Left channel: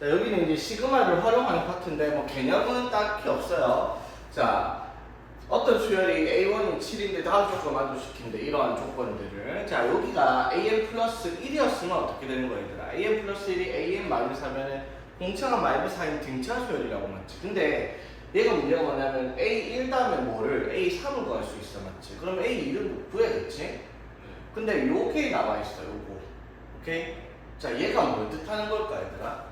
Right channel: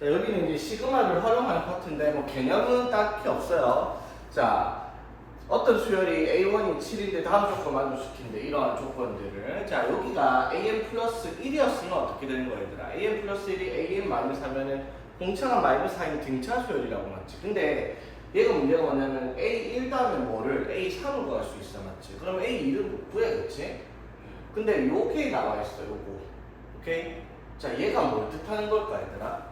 자, 여기는 이제 시그마를 활용하는 파트인데 뭐 개념은 딱히 없어요. 자, 어떤 수열이 A1이 7인데 다음 조건 만족시킨대. 이러한 조건들을. 자, 여기가 AN 플러스 1이었으면 어떻게 되는 거야, 얘들아? AN 플러스 1이 AN 마이너스 하면은 공차가 마이너스 4인 등차 수열이라고 맞지? 근데 얘가 문제가 뭐냐면 A1 다음에 뭐를 A3을 구할 수 있어, 맞지? 그럼 A2를 못 구해야겠지? 근데 요게 나와 있어, 요거. 오케이? 자, 얘가 뭘 뜻하는 걸까, 얘들아?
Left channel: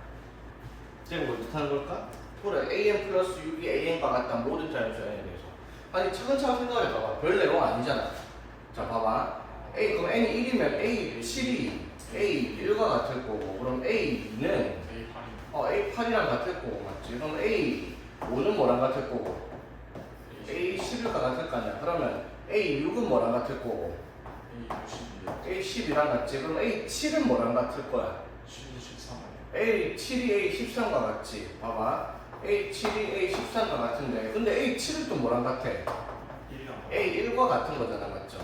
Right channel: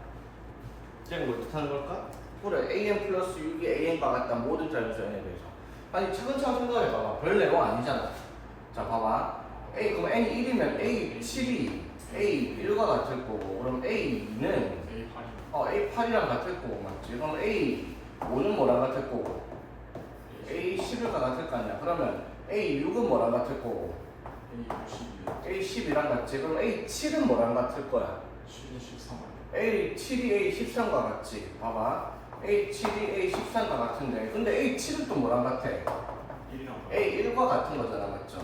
얘는 뭘 뜻하는 걸까? 그래, AN 플러스 6이 AN과 같다, 모든 자연수연에 대해서. 아니, 차근차근 생각해봐봐. 별 내용 아니잖아. 자, 봐봐. 그럼 N이 1이면 A7이 A1과 같을 거고, 그럼 A2는 A8이랑 같을 거고, 맞지? 그럼 A5는 뭐랑 같을 거고, A11과 같을 거 아니야. 그러면 A6은 뭐랑 같을 거고, A10이랑 같지? 그럼 A7은 뭐랑 같을 거야? A7이 A13과 같지? 봐봐. A7이 A13과 같은데, 근데 A7은 또 뭐랑 같아? A1과 같은 거잖아, 맞죠?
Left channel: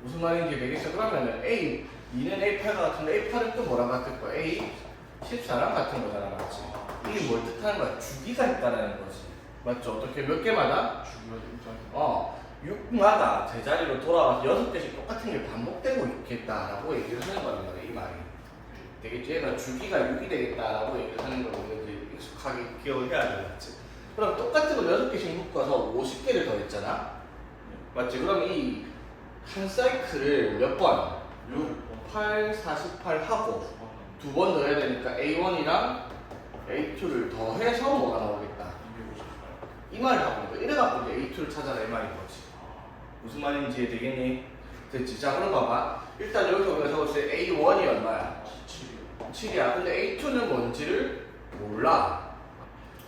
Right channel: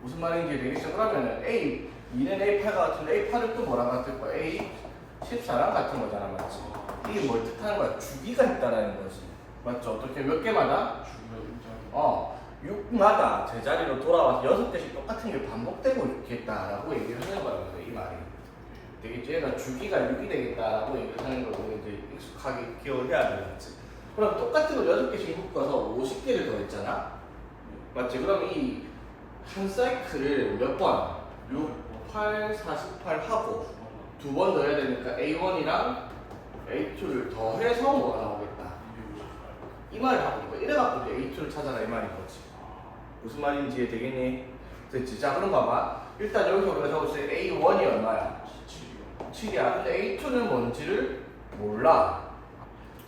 무슨 말인지 되겠어? 그러면은 A2는 A8과 같은데 A8은 또 뭐랑 같을 거야? A14랑 같은 거잖아, 맞지? 이게 뭘 뜻하는 거야? 주기가 있다라는 거지. 맞죠? 어떻게 몇 개마다? 6마다 제자리로 돌아와서 6개씩 똑같은 게 반복되고 있겠다라고 얘기를 하는 거란 말이야, 이 말이. 되겠지? 얘가 주기가 6이 되겠다라고 얘기를 하는 걸 우리가 이제 익숙하게 기억을 해야 되겠지. 그럼 똑같은 걸 6개씩 묶어서 50개를 더했잖아? 맞지? 그럼 이 한 사이클을 몇 번? 6, 8, 48 하고 두 번 넣어야 되니까 A1이랑 A2를 더해서 뭐가 나오겠다? 이 말을 하고 있는 거야. 이래갖고 이제 A2를 찾아라 이 말인 거지. 무슨 말인지 이해되겠니? 됐지? 자, 그럼 봐봐. 일단 여기서 우리가 적을 때 A1이 얼마야? 7이야. 근데 A2는 뭔지를 몰라.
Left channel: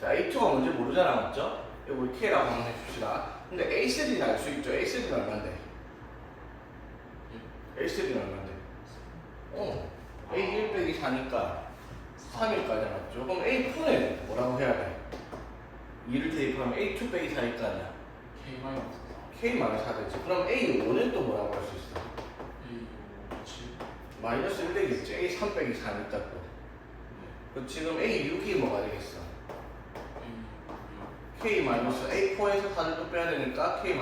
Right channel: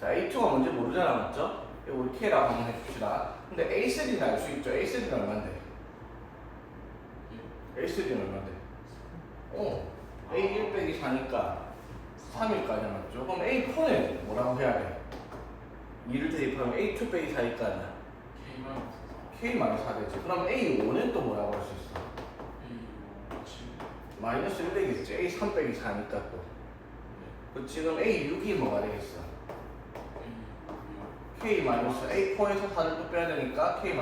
자, A2가 뭔지 모르잖아, 맞죠? 이거 우리 K라고 한번 해줍시다. 근데 A3는 알 수 있죠? A3는 얼마인데? A3는 얼마인데? A1 빼기 4니까 3일까지 맞죠? 그럼 A4는 뭐라고 해야 돼? 2를 대입하면 A2 빼기 4니까 아니야? K-4 되지. 그럼 A5는 또 뭐라고 할 수 있어? 마이너스 1 되겠지. A3 빼기 4니까 또. 그 지금 A6이 뭐가 되겠어? K-A4에서 4를 또 빼야 되니까 K-8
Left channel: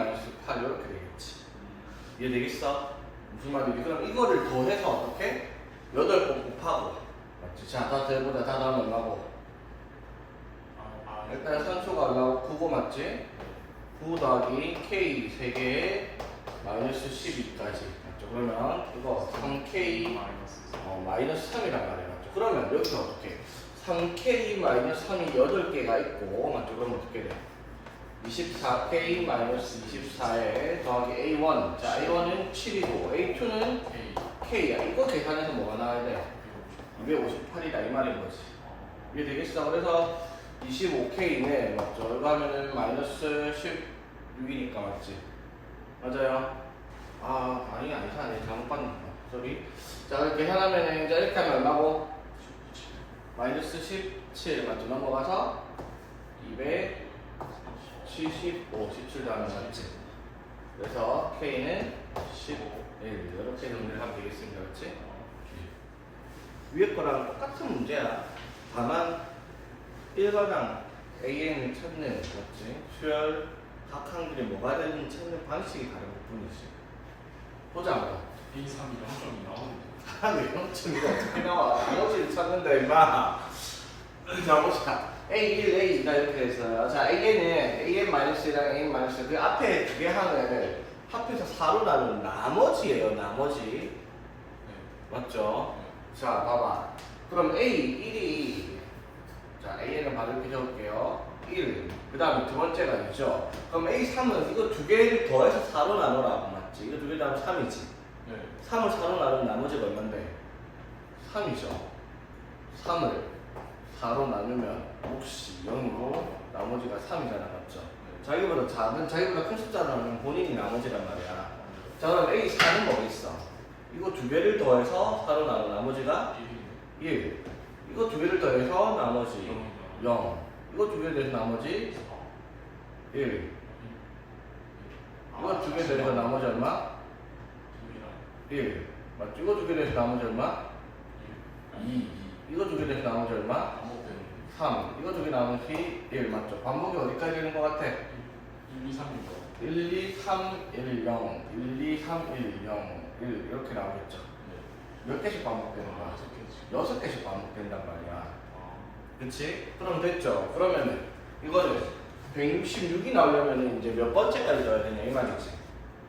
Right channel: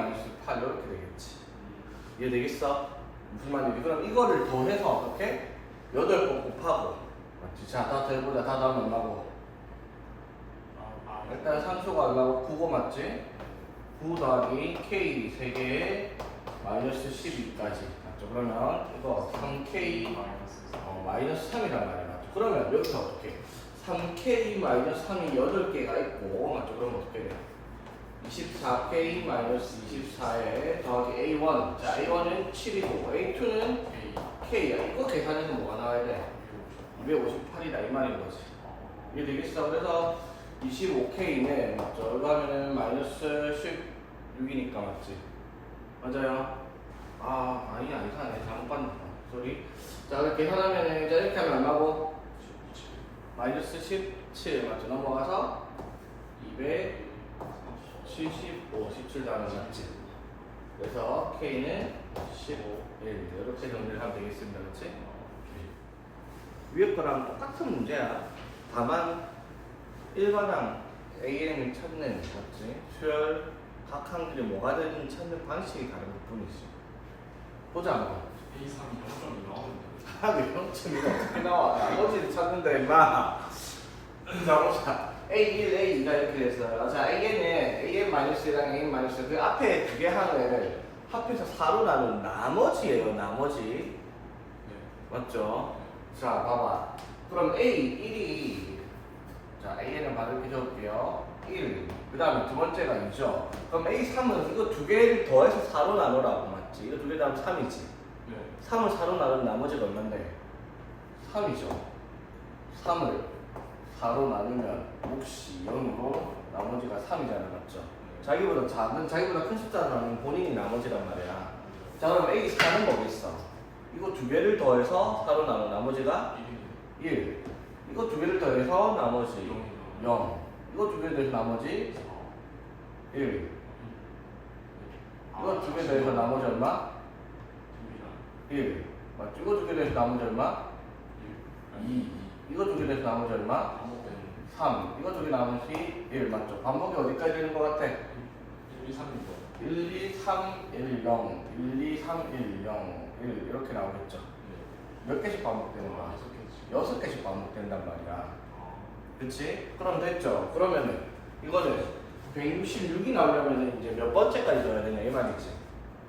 이렇게 되겠지. 이해되겠어? 무슨 말이지? 그럼 이거를 더해서 어떻게? 8번 곱하고. 맞지? 자, 다 더해보자. 다 더하면 얼마고? 일단 산수가 얼마고? 9고 맞지? 9 더하기 K 3개에 마이너스 12까지. 맞죠? 그러면 이거 3K 마이너스 3이란 말이야. 맞죠? 그러면 여기서 어떻게? 3K 마이너스 3이 8개가 있고, 맞죠? 그럼 어떻게 돼? 24K 마이너스 24에 더하기 A1. 자, A1은 7이고, A2는 K야. 이거 계산해서 뭐가 나와야 돼? 258이다. 이 말인 거지. 이게 되겠어? 그래서 25K는, 맞죠? 이거 하면은 마이너스 16이니까, 맞지? 맞아요? 아니네. 잘못 봤네. 소리. 자, 이렇게 계산하면은, 자, 이렇게 하면 얼마고? 마이너스 17, 맞죠? 넘어가서 275, 17 다음에 맞지? 그래서 K는 15, 1 이렇게 정리를 하면 되겠습니다. 그렇지? 위에 거랑 똑같은 문제야. 다만 1과당 AN을 찾는, 맞지? 수열 각 항들이 뭐가 되는지 찾는 방식이 다른 것 뿐이지. 보자 한번. A3이 0점이 나오는데. 왜 0점이 어떻게 나와? 나머지를 찾는다 임마. 자 보자. A1, A2가 이렇게 됐어요. 자, AN-1이랑 AN-1 그 앞에 두 개 항을 합해서 4로 나눈 나머지예요. 나머지. 맞죠? 자, 봐봐. 그럼 A1이 자, AN을 바로 이렇게 적을게요. 1. 그 다음에 두 번째가 2죠. 그럼 A3은 이거 두 개를 더해서 4로 나누라고 맞지? 이거 두 개 더하면 3이지? 3을 4로 나눈 나머지가 얼만데? 3이죠. 3을 4로 나누면 몫이 0이고 나머지가 3이잖아, 맞죠? 자기보다 큰 숫자로 나누면 본인이 나머지란 말이야. 자, 그럼 A4는 뭐겠어? 이거 두 개를 더해서 4로 나눈 나머지가 1. 이거 두 개를 더해서 나머지 0. 이거 두 개 더해서 나머지 1. 이거 두 개 더해서 나머지 얼마? 1. 맞죠? 이거 두 개 더해서 나머지 얼마? 2. 이거 두 개 돼서 나머지 얼마? 반복되는 3. 이거 두 개 나머지 1 맞죠? 반복이 어디까지 되는 것 같아? 1, 2, 3이죠. 1, 2, 3, 1, 0, 1, 2, 3, 1, 0, 1 이렇게 나오겠죠? 네. 몇 개씩 반복되는 거야? 6개지. 6개씩 반복된단 말이야. 아, 그치? 그럼 됐죠? 그러면은 이거를 166이 나오려면 이제 몇 번째까지 넣어야 되냐 이 말이지.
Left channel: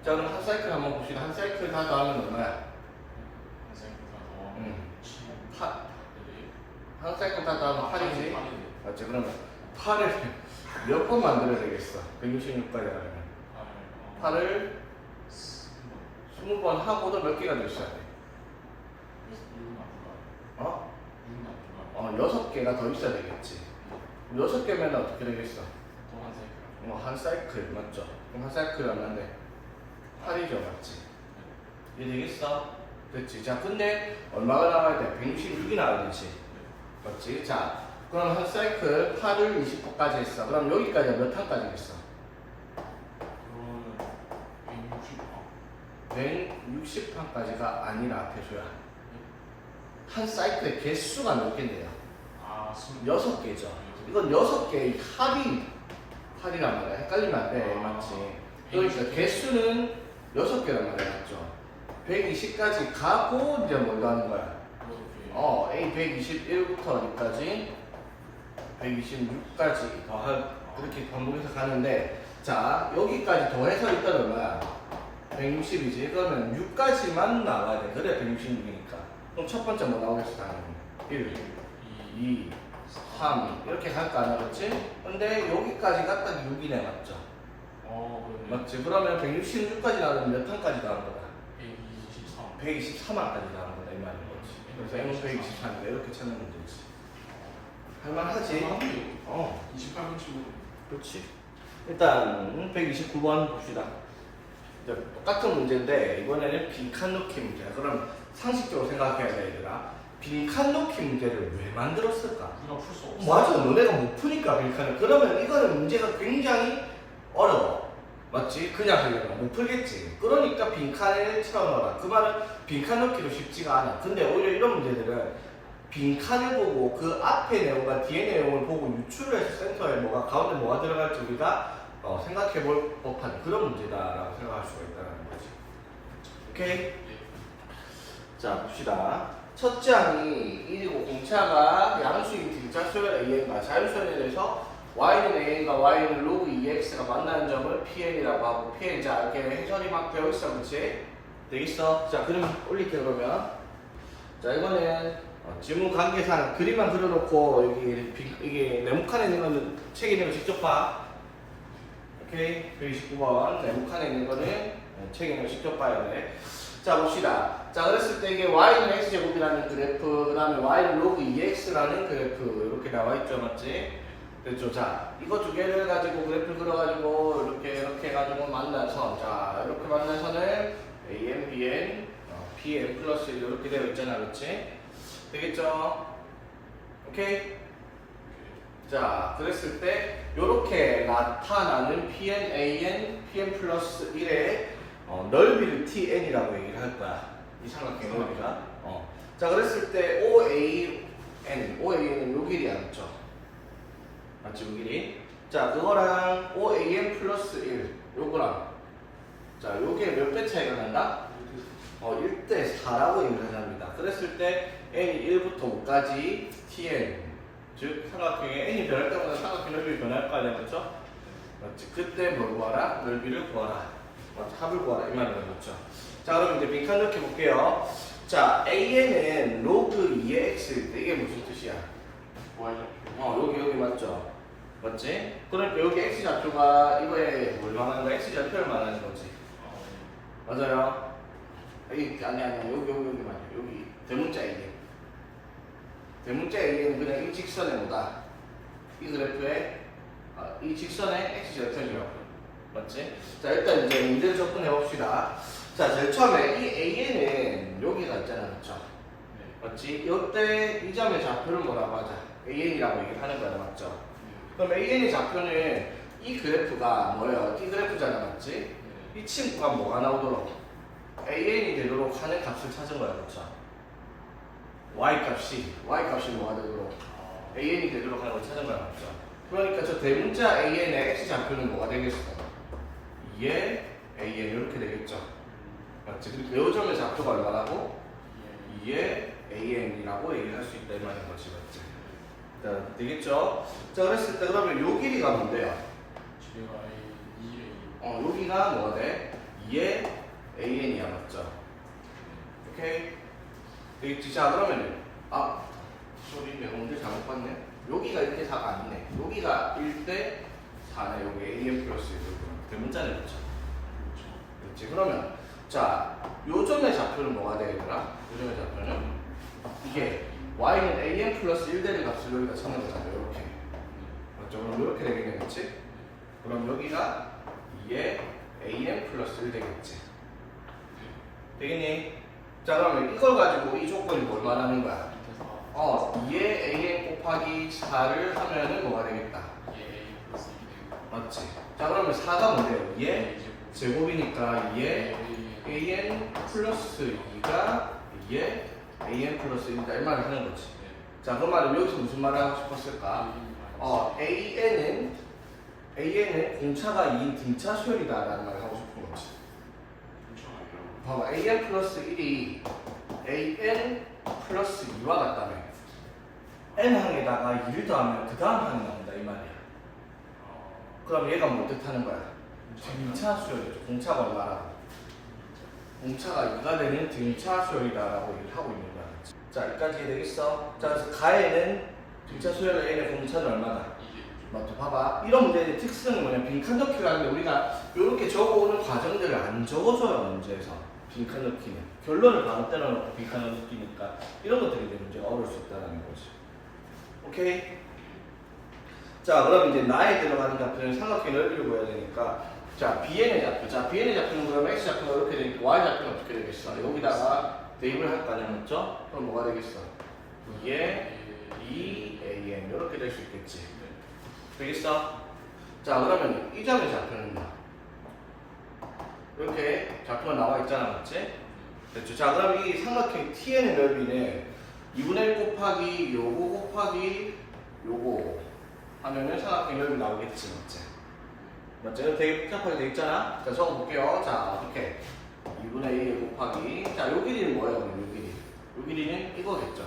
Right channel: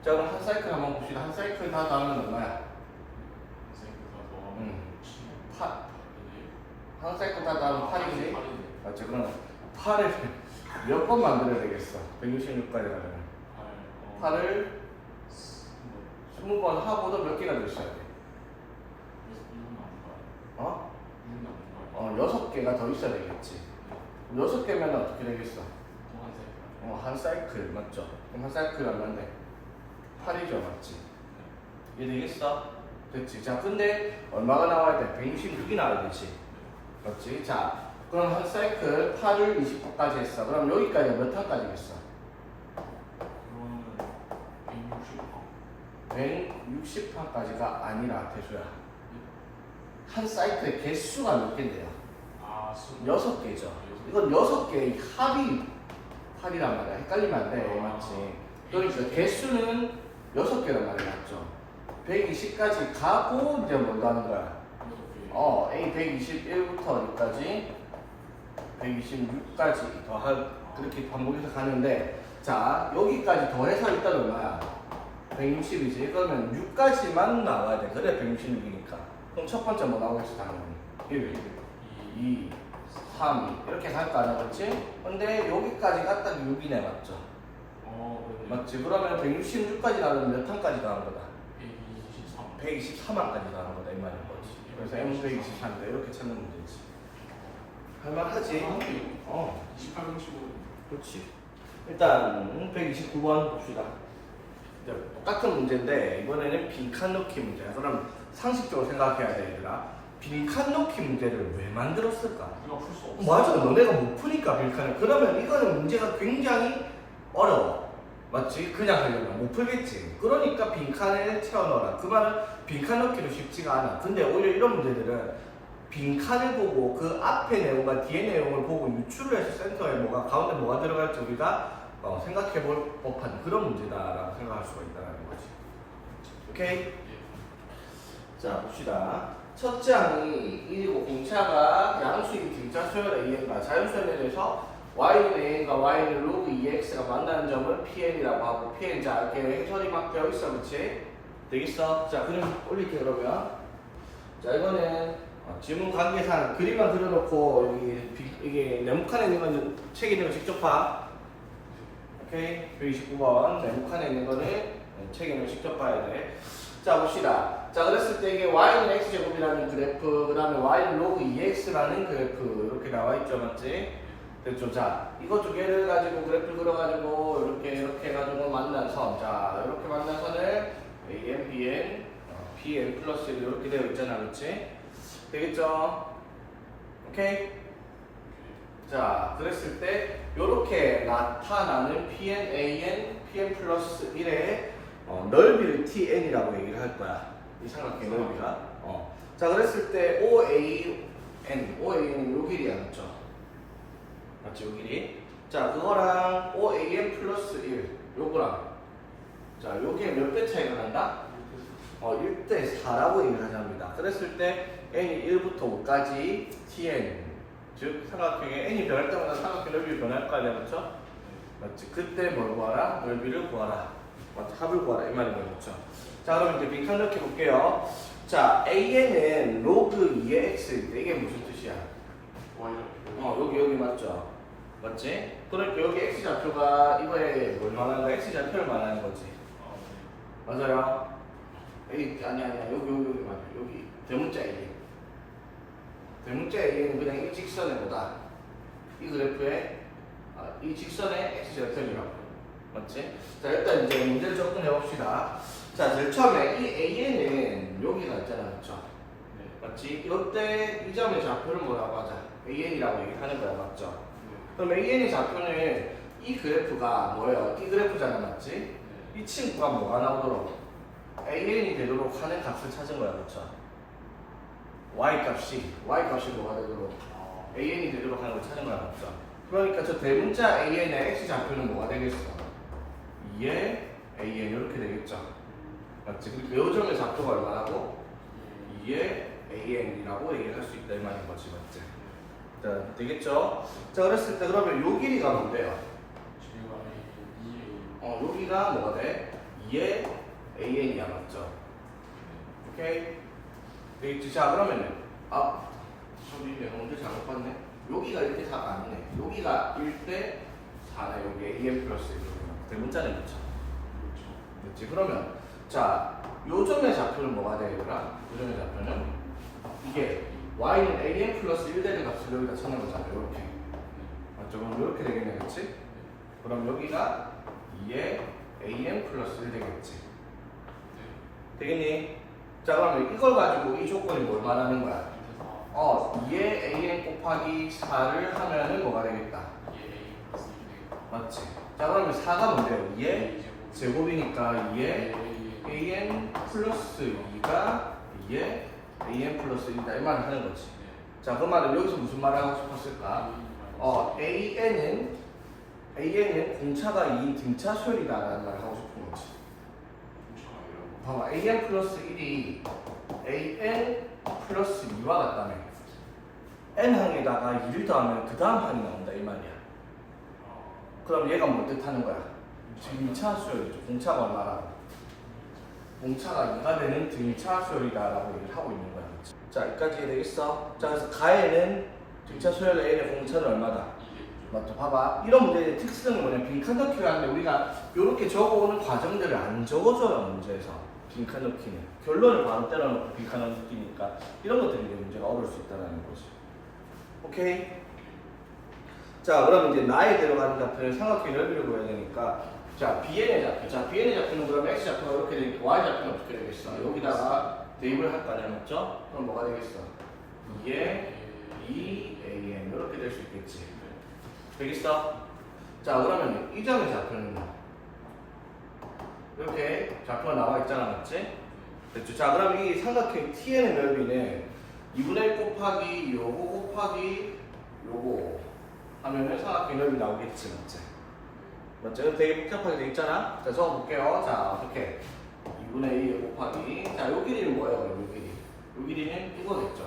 자 그럼 한 사이클 한번 봅시다. 한 사이클 다 더하면 얼마야? 선생님 가서 8. 한 사이클 다 더하면 8이지? 8인데. 맞지? 그러면 8을 몇 번 만들어야 되겠어? 166까지 가려면 8을 20번 하고도 몇 개가 더 있어야 돼? 어? 6개가 더 있어야 되겠지. 6개면 어떻게 되겠어? 한 사이클 맞죠? 그럼 한 사이클 얼마인데? 8이죠 맞지? 이해되겠어? 됐지? 자 근데 얼마가 나와야 돼? 166이 나와야 되지 맞지? 자 그럼 한 사이클 8을 20%까지 했어. 그럼 여기까지 몇 탄까지겠어? 160판까지가 아니라 태수야. 한 사이클의 개수가 몇 개인데요? 6개죠. 이건 6개의 합이란 말이야. 헷갈리면 안 돼. 맞지? 그러니까 개수는 6개란 말이야. 맞죠? 120까지 가고 이제 뭐 하는 거야? A 121부터 어디까지? 126까지 더할 이렇게 반복해서 가는데 자 여기까지 더해서 일단 얼마야? 160이지. 그러면 6까지만 나와야 돼. 그래 166이니까. 그럼 첫 번째 뭐 나오겠어 당연히? 1, 2, 3 이렇게 갈 거 아니야, 그렇지? 근데 여기까지 갔다 6이네, 맞죠? 맞지? 그러면 166까지 나오면 몇 탄까지 나오는 거다? 123항까지 나오는 거다 이 말인 거지. 그래서 M은 123인데 이렇게 찾는 문제지. 할만하지? 28, 35. 그렇지. 일단 129번 봅시다. 이제 똑같은 문제인데 이번에는 빈칸 넣기 문제야. 그럼 상식적으로 생각해야 돼, 얘들아. 빈칸 넣기 문제를 왜 만들었을까? 우리가 풀 수 없어. 맞아, 너네가 못 푸니까 빈칸을. 그러면 이거는 문제가 굉장히 어려워. 맞지? 그냥 하려면 못 풀겠지. 그러니까 빈칸을 채워넣어라. 그 말은 빈칸 넣기도 쉽지가 않아. 근데 오히려 이런 문제들은 빈칸을 보고 그 앞에 내용과 뒤에 내용을 보고 유추를 해서 센터에 뭐가 가운데 뭐가 들어갈지 우리가 생각해 볼 법한 그런 문제다라고 생각할 수가 있다는 거지. 오케이? 자 봅시다. 첫째 항이 1이고 공차가 양수인 등차수열 AN과 자연수열에 대해서 y는 AN과 y는 로그 2x가 만나는 점을 PN이라고 하고 PN 자 이렇게 해설이 막 되어 있어, 그치? 되겠어? 자 그럼 올릴게 그러면. 자 이거는 지문 관계상 그림만 그려놓고 여기 이게 네모칸에 있는 거는 책에 있는 거 직접 봐. 오케이? 129번 네모칸에 있는 거는 책에 있는 거 직접 봐야 돼. 자 봅시다. 자 그랬을 때 이게 y는 x제곱이라는 그래프, 그 다음에 y는 로그 2x라는 그래프 이렇게 나와 있죠, 맞지? 됐죠? 자 이거 두 개를 가지고 그래프를 그려가지고 이렇게 해가지고 만난 선, 자 이렇게 만난 선을 AN, BN, PN 플러스 이렇게 되어 있잖아, 그렇지? 되겠죠? 오케이? 자 그랬을 때 이렇게 나타나는 PN, AN, PN 플러스 1의 넓이를 TN이라고 얘기를 할 거야. 이 삼각형 넓이가. 자 그랬을 때 OAN은 요 길이 맞죠? 맞지? 요 길이. 자 그거랑 OAN 플러스 1 요거랑 자 요게 몇 배 차이가 난다? 1대 4라고 얘기를 합니다. 그랬을 때 n이 1부터 5까지 tn 즉 삼각형의 n이 변할 때마다 삼각형 넓이가 변할 거 아니야, 그렇죠? 맞지? 그때 뭘 구하라? 넓이를 구하라. 맞지? 합을 구하라 이 말인 거죠. 자 그럼 이제 빈칸 넣기 볼게요. 자 an은 로그 2의 x일 때 이게 무슨 뜻이야? 여기 맞죠? 맞지? 그러니까 여기 x 좌표가 이거에 뭘 말하는 거야? x 좌표를 말하는 거지. 맞아요? 아니야 여기 맞아. 여기 대문자 A. 대문자 A는 그냥 이 직선에 뭐다? 이 그래프에 이 직선의 x 절편이라고. 맞지? 자 일단 이제 문제를 접근해 봅시다. 자 제일 처음에 이 AN은 여기가 있잖아, 그렇죠? 맞지? 이때 이 점의 좌표를 뭐라고 하자? AN이라고 얘기하는 거야, 맞죠? 그럼 AN의 좌표는 이 그래프가 뭐예요? 이 그래프잖아, 맞지? 이 친구가 뭐가 나오도록 AN이 되도록 하는 값을 찾은 거야, 그렇죠? y 값이 뭐가 되도록 an이 되도록 하는 걸 찾은 거야, 맞죠? 그러니까 저 대문자 an의 x 좌표는 뭐가 되겠어? 2의 an 이렇게 되겠죠? 맞지? 그리고 이 점의 좌표가 얼마라고? 2의 an이라고 얘기를 할 수 있다 이 말인 거지, 맞지? 자, 되겠죠? 자, 그랬을 때 그러면 요 길이가 뭔데요? 여기가 뭐가 돼? 2의 an이야, 맞죠? 오케이? 되겠지? 자, 그러면은 저기 내가 문제 잘못 봤네. 여기가 1대 4가 아니네. 여기가 1대 4네. 여기 an 플러스 1. 대문자네, 그렇죠? 그렇지? 그러면 자, 요 점의 좌표는 뭐가 되더라? 요 점의 좌표는 이게 y는 an 플러스 1되는 값을 여기다 찾는 거잖아. 이렇게. 맞죠? 그럼 이렇게 되겠네, 그렇지? 그럼 여기가 2의 an 플러스 1 되겠지? 되겠니? 자, 그러면 이걸 가지고 이 조건이 뭘 말하는 거야? 2의 an 곱하기 4를 하면은 뭐가 되겠다? 맞지? 자, 그러면 4가 뭔데요? 2의 제곱이니까 2의 an 플러스 2가 2의 an 플러스 1이다 이 말을 하는 거지. 자, 그 말은 여기서 무슨 말을 하고 싶었을까? an은 공차가 2인 등차 수열이다 라는 말을 하고 싶은 거지. 봐봐, an 플러스 1이 an 플러스 2와 같다며. n항에다가 2를 더하면 그 다음 항이 나온다 이 말이야. 그럼 얘가 뭐 뜻하는 거야? 등차 수열이죠. 공차가 얼마라고? 공차가 2가 되는 등차 수열이다라고 얘기를 하고 있는 거야. 자, 여기까지 되겠어? 자, 그래서 가에는 등차 수열의 n의 공차는 얼마다? 맞죠? 봐봐. 이런 문제의 특성은 뭐냐? 빈칸 넣기를 하는데 우리가 이렇게 적어오는 과정들을 안 적어줘요, 문제에서. 빈칸 넣기는. 결론을 바로 때려놓고 빈칸 넣기니까 이런 것들이 이제 문제가 어려울 수 있다는 거지. 오케이? 자, 그럼 이제 나에 들어가는 좌표는 삼각형의 넓이를 구해야 되니까 자, bn의 좌표. 자, bn의 좌표는 그러면 x 좌표가 이렇게 되니까 y 좌표는 어떻게 되겠어? 여기다가 대입을 할 거 아니야, 맞죠? 그럼 뭐가 되겠어? 2의 2an 이렇게 될 수 있겠지. 되겠어? 자, 그러면 이 점의 좌표는 뭐야? 이렇게 좌표가 나와 있잖아, 맞지? 됐죠? 자, 그럼 이 삼각형 TN의 넓이는 2분의 1 곱하기 요거 곱하기 요거 하면은 삼각형 넓이 나오겠지, 맞지? 맞죠? 이거 되게 복잡하게 돼 있잖아? 자, 적어볼게요. 자, 어떻게? 2분의 1 곱하기. 자, 요 길이는 뭐예요, 그럼 요 길이? 요 길이는 이거겠죠?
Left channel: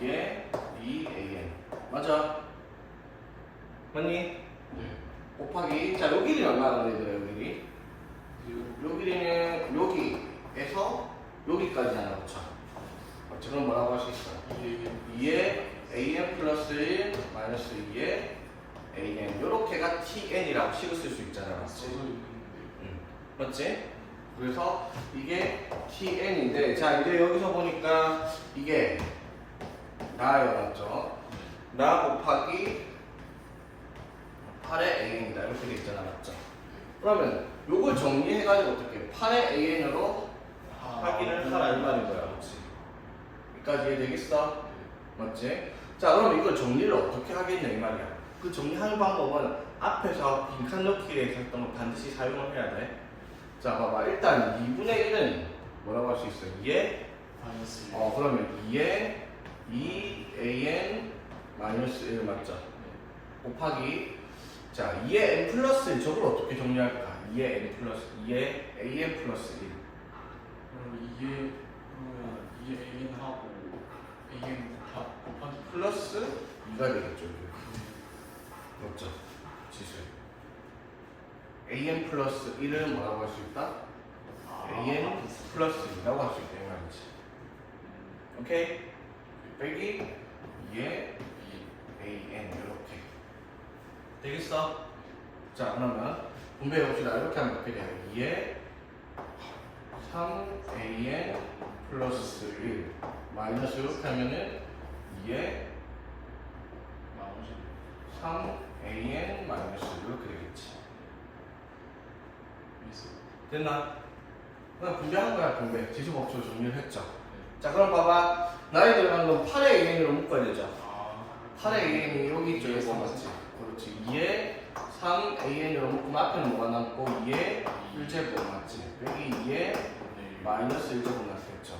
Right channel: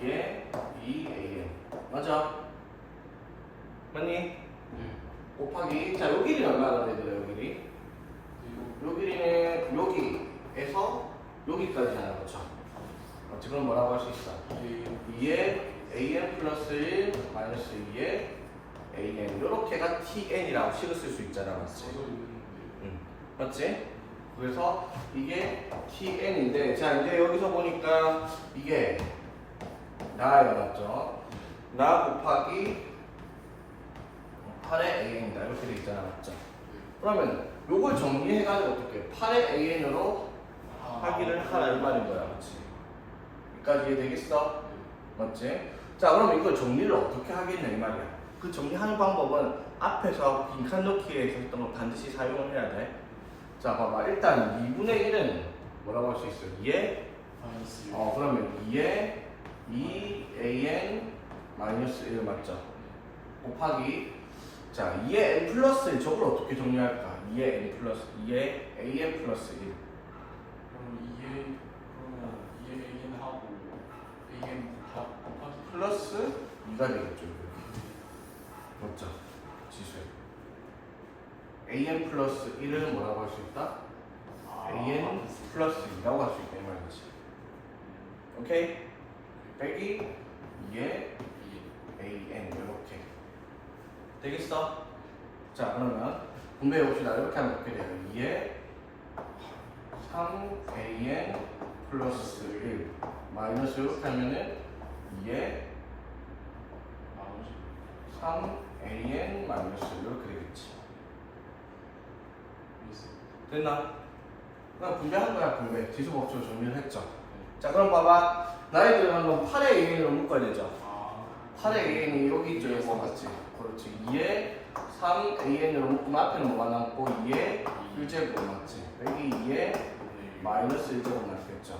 2의 2an. 맞아? 맞니? 곱하기. 자, 요 길이는 얼마나 되더라, 요 길이? 요 길이는 여기에서 여기까지잖아, 그쵸? 맞지? 그럼 뭐라고 할 수 있어? 2의 an 플러스 1 마이너스 2의 an. 요렇게가 tn이라고 식을 쓸 수 있잖아, 맞지? 맞지? 그래서 이게 tn인데, 자, 이제 여기서 보니까 이게 나예요, 맞죠? 나 곱하기 8의 an이다. 이렇게 돼 있잖아, 맞죠? 그러면 요걸 정리해가지고 어떻게 8의 an으로 확인을 하라 이 말인 거야, 맞지? 여기까지 이해되겠어? 맞지? 자, 그러면 이걸 정리를 어떻게 하겠냐 이 말이야. 그 정리하는 방법은 앞에서 빈칸 넣기에 했던 걸 반드시 사용을 해야 돼. 자, 봐봐. 일단 2분의 1은 뭐라고 할 수 있어? 2의 그러면 2의 2an 마이너스 1 맞죠? 곱하기 자, 2의 n 플러스 1 저걸 어떻게 정리할까? 2의 n 플러스 2의 an 플러스 1 그럼 이게 an 하고 an 곱하기 플러스 2가 되겠죠. 맞죠? 지수 an 플러스 1은 뭐라고 할 수 있다? an 플러스 2라고 할 수 있다 이 말이지. 오케이? 빼기 2의 an 이렇게 되겠어? 자, 그러면 분배해 봅시다. 이렇게 하면 어떻게 돼요? 2의 3an 플러스 1 마이너스 이렇게 하면은 2의 3an 마이너스 이렇게 되겠지. 됐나? 그냥 분배한 거야, 분배. 지수 법칙으로 정리를 했죠. 자, 그럼 봐봐. 나에 들어간 건 8의 an으로 묶어야 되죠. 8의 an이 여기 있죠, 이거 맞지? 그렇지. 2의 3an으로 묶으면 앞에는 뭐가 남고 2의 1제곱 맞지? 여기 2의 마이너스 1제곱 남겠죠.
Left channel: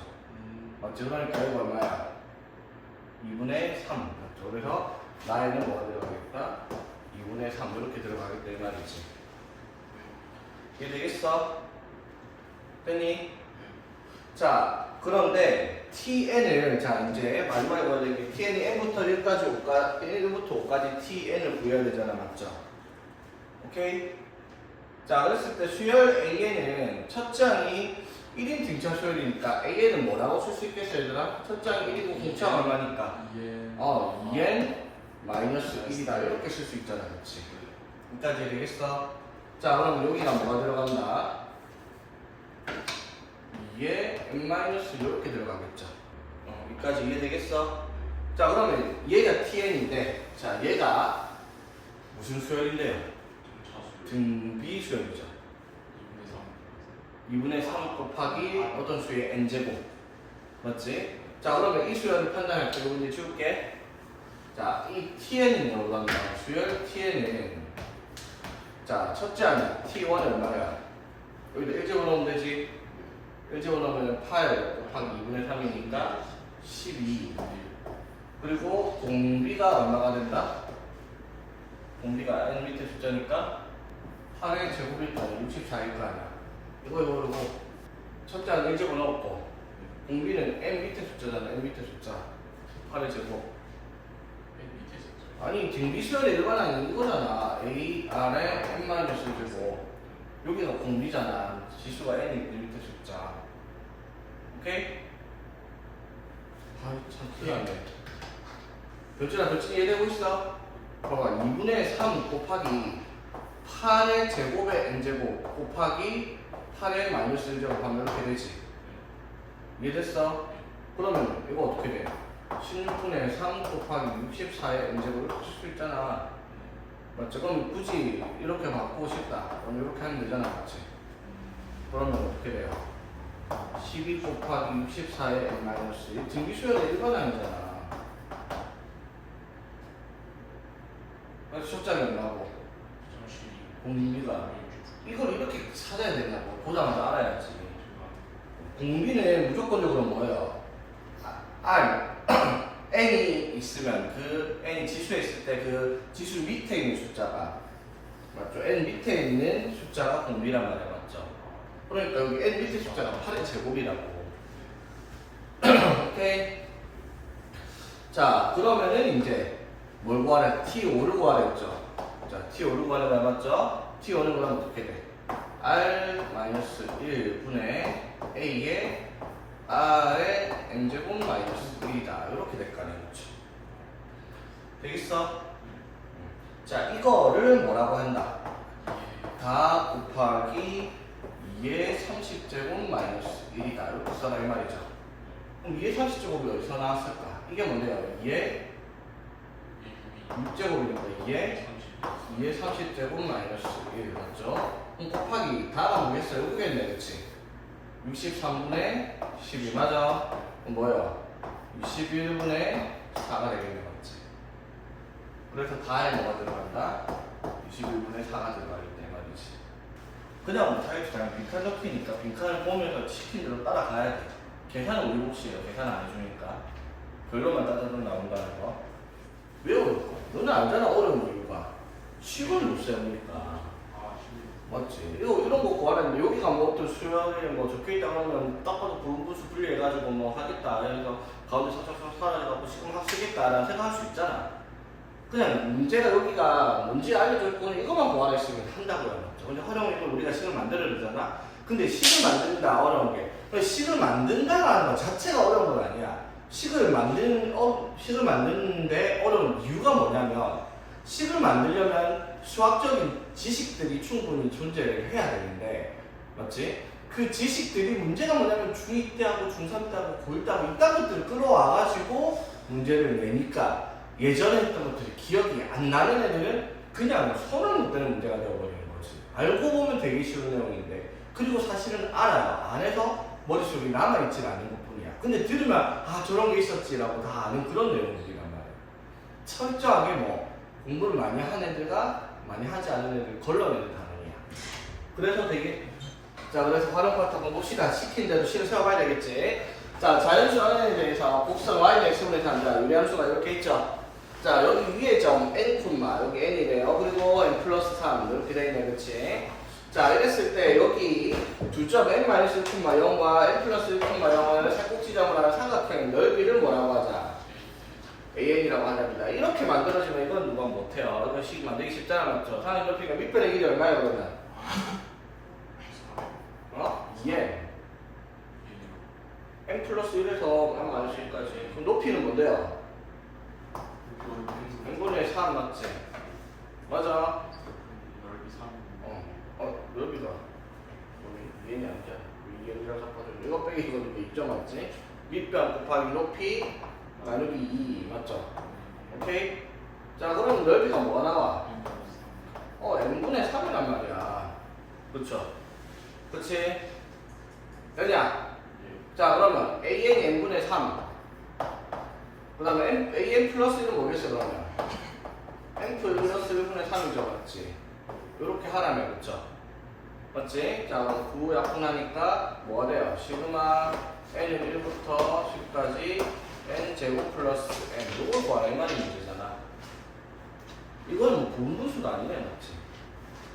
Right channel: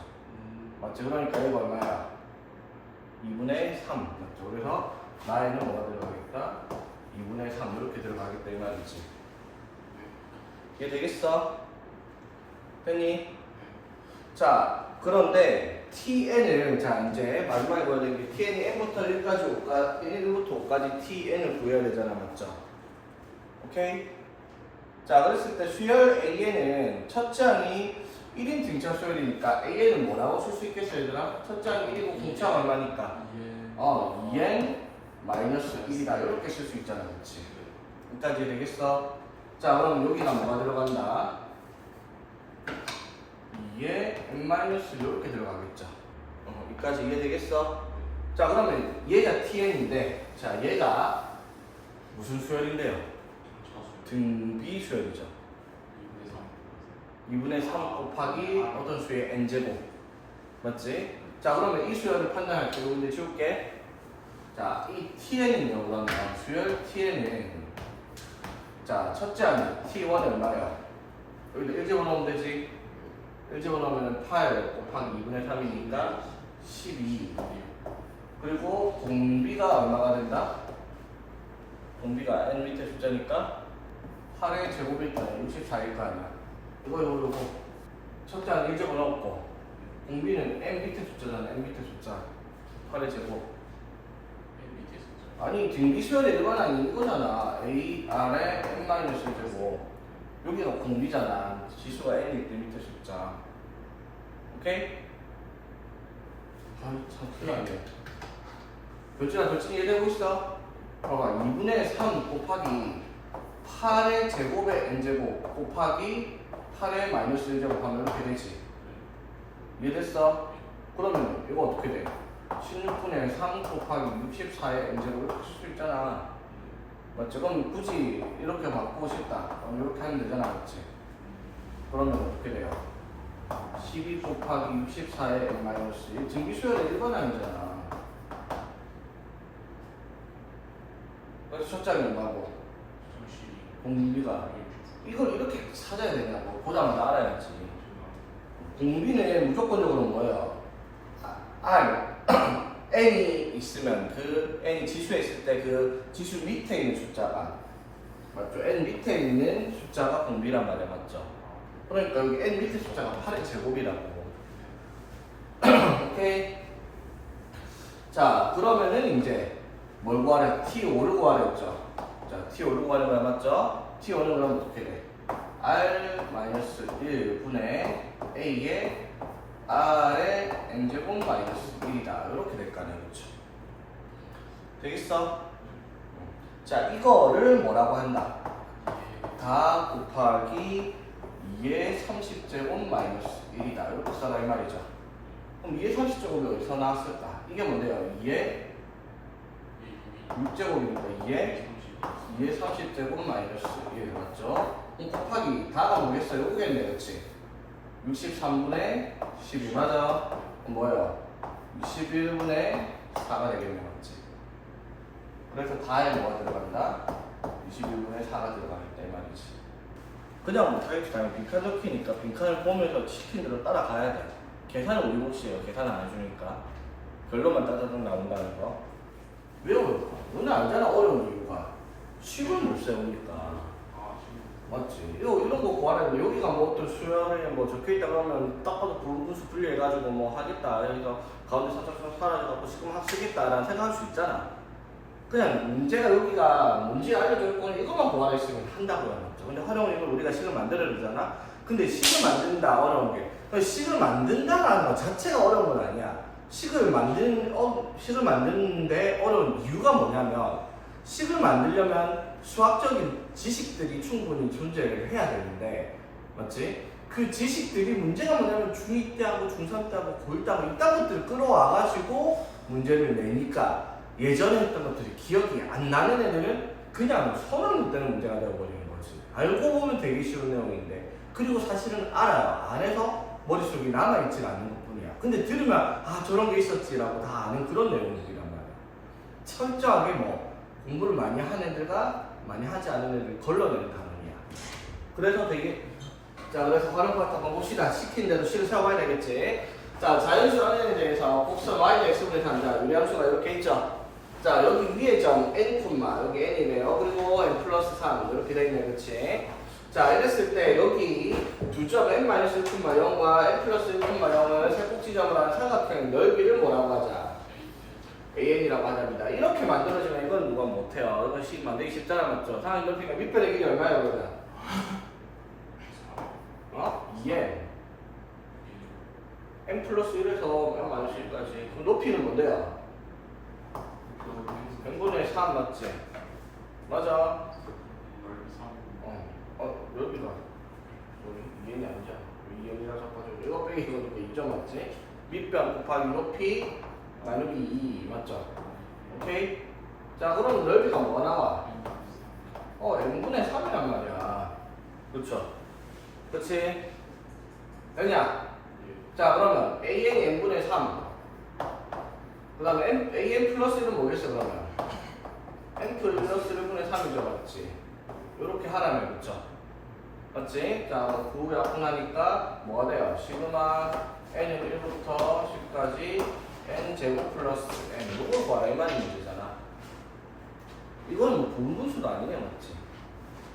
맞죠? 맞지? 그러니까 이거 얼마야? 2분의 3. 맞죠? 그래서 나에는 뭐가 들어가겠다? 2분의 3 이렇게 들어가겠다 이 말이지. 이해되겠어? 됐니? 자, 그런데 tn을 자 이제 마지막에 보여야 되는 게 tn이 n부터 1까지 5까지 1부터 5까지 tn을 구해야 되잖아, 맞죠? 오케이? 자, 그랬을 때 수열 an은 첫째 항이 1인 등차 수열이니까 an은 뭐라고 쓸 수 있겠어, 얘들아? 첫째 항이 1이고 등차가 얼마니까? 2n 마이너스 1이다 이렇게 쓸 수 있잖아, 그렇지? 여기까지 되겠어? 자, 그럼 여기가 뭐가 들어간다? 2에 n-1 이렇게 들어가겠죠. 여기까지 이해되겠어? 자, 그러면 얘가 tn인데, 자, 얘가 무슨 수열인데요? 등비 수열이죠. 2분의 3 곱하기 어떤 수의 n제곱. 맞지? 자, 그러면 이 수열을 판단할 때 이거 이제 지울게. 자, 이 tn은 뭐가 나와? 수열 tn은 자, 첫째 항이 t1은 얼마야? 여기다 1제곱 넣으면 되지? 1제곱 넣으면 8 곱하기 2분의 3이니까 12. 그리고 공비가 얼마가 된다? 공비가 n 밑에 숫자니까 8의 제곱일 거는 64일 거 아니야. 이거 첫째 항 1제곱 넣었고 공비는 n 밑에 숫자잖아. n 밑에 숫자 8의 제곱. 아니 등비수열의 일반항이 이거잖아. a r에 n-1제곱. 여기가 공비잖아. 지수가 n이 있는 밑에 숫자. 오케이? 참 큰일났네. 교진아 이해되고 있어? 봐봐, 2분의 3 곱하기 8의 제곱의 n제곱 곱하기 8의 마이너스 1제곱 하면 이렇게 되지. 이해됐어? 그러면 이거 어떻게 돼? 16분의 3 곱하기 64의 n제곱 이렇게 쓸 수 있잖아. 맞죠? 그럼 굳이 이렇게 바꾸고 싶다. 그럼 이렇게 하면 되잖아. 맞지? 그러면 어떻게 돼요? 12 곱하기 64의 n-1 등비수열의 일반항이잖아. 그래서 첫장이 얼마고? 공비가 이걸 이렇게 찾아야 되냐고. 보자마자 알아야지. 공비는 무조건적으로 뭐예요? n이 있으면 그 n이 지수에 있을 때 그 지수 밑에 있는 숫자가 맞죠? n 밑에 있는 숫자가 공비란 말이야, 맞죠? 그러니까 여기 n 밑에 숫자가 8의 제곱이라고. 오케이. 자, 그러면은 이제 뭘 구하래? t5를 구하랬죠. 자, t5를 구하는 거 맞죠? t5는 그럼 어떻게 돼? r-1분의 a의 r의 n제곱 마이너스 1이다. 이렇게 될 거 아니야, 그렇죠? 되겠어? 자, 이거를 뭐라고 한다? 다 곱하기 2의 30제곱 마이너스 1이다. 이렇게 써라 이 말이죠. 그럼 2의 30제곱이 어디서 나왔을까? 이게 뭔데요? 2의 6제곱이니까 2의 30제곱 마이너스 1 맞죠? 그럼 곱하기 다가 뭐겠어요? 여기겠네, 그렇지? 63분의 12 맞아? 그럼 뭐예요? 61분의 4가 되겠네, 맞지? 그래서 다에 뭐가 들어간다? 61분의 4가 들어가겠다 이 말이지. 그냥 못하겠지. 그냥 빈칸 넣기니까 빈칸을 보면서 시킨 대로 따라가야 돼. 계산은 우리 몫이에요. 계산 안 해주니까 결론만 따져서 나온다는 거. 왜 어려울까? 너는 알잖아, 어려운 이유가 식을 못 세우니까. 맞지? 이런 거 구하는데 여기가 뭐 어떤 수명에 뭐 적혀있다 그러면 딱 봐도 분수 분리해가지고 뭐 하겠다. 그래서 가운데 살짝 사라져갖고 지금 쓰겠다라는 생각할 수 있잖아. 그냥 문제가 여기가 뭔지 알려줄 거는 이것만 구하라 했으면 한다고요. 맞죠? 근데 활용을 우리가 식을 만들어주잖아. 근데 식을 만든다 어려운 게. 식을 만든다라는 것 자체가 어려운 건 아니야. 식을 만드는데 어려운 이유가 뭐냐면 식을 만들려면 수학적인 지식들이 충분히 존재를 해야 되는데 맞지? 그 지식들이 문제가 뭐냐면 중2 때하고 중3 때하고 고1 때하고 이딴 것들을 끌어와가지고 문제를 내니까 예전에 했던 것들이 기억이 안 나는 애들은 그냥 손을 못 대는 문제가 되어버리는 거지. 알고 보면 되게 쉬운 내용인데 그리고 사실은 알아요. 안 해서 머릿속에 남아있질 않는 것뿐이야. 근데 들으면 아 저런 게 있었지라고 다 아는 그런 내용들이란 말이야. 철저하게 뭐 공부를 많이 하는 애들과 많이 하지 않은 애들 걸러내는 단원이야. 그래서 되게 자 그래서 활용 파트 한번 봅시다. 시킨 대로 식을 세워봐야 되겠지. 자, 자연수 N에 대해서 곡선 Y는 X분의 3자, 유리함수가 이렇게 있죠? 자, 여기 위에 점 N 콤마, 여기 N이래요. 그리고 N 플러스 3, 이렇게 돼 있네, 그치? 자, 이랬을 때 여기 두 점 N 마이너스 1 콤마 0과 N 플러스 1 콤마 0을 살꼭지점을 하는 삼각형의 넓이를 뭐라고 하자? AN이라고 하답니다. 이렇게 만들어지면 이건 누가 못해요. 이건 식 만들기 쉽잖아, 맞죠? 상의 넓이가 밑변의 길이 얼마야, 그러면? 어? 2N. N 플러스 1에서 N 마이너스 1까지. 그럼 높이는 뭔데요? n분의 3 맞지? 맞아. 여기다. 여기 얘는 아니잖아. 2N이랑 섞어줘. 이거 빼기 이거 누구 2점 맞지? 밑변 곱하기 높이 나누기 2 맞죠? 오케이? 자, 그럼 넓이가 뭐가 나와? n분의 3이란 말이야. 그쵸? 그치? 되냐? 자, 그러면 AN이 n분의 3. 그 다음에 AN 플러스 1은 뭐겠어, 그러면? N 플러스 1분의 3이죠, 맞지? 요렇게 하라면, 그쵸? 맞지? 자, 9 약분하니까 뭐가 돼요? 시그마 N은 1부터 10까지 N 제곱 플러스 N. 요걸 구하라, 이 말이 문제잖아. 이건 뭐 분분수도 아니네, 맞지?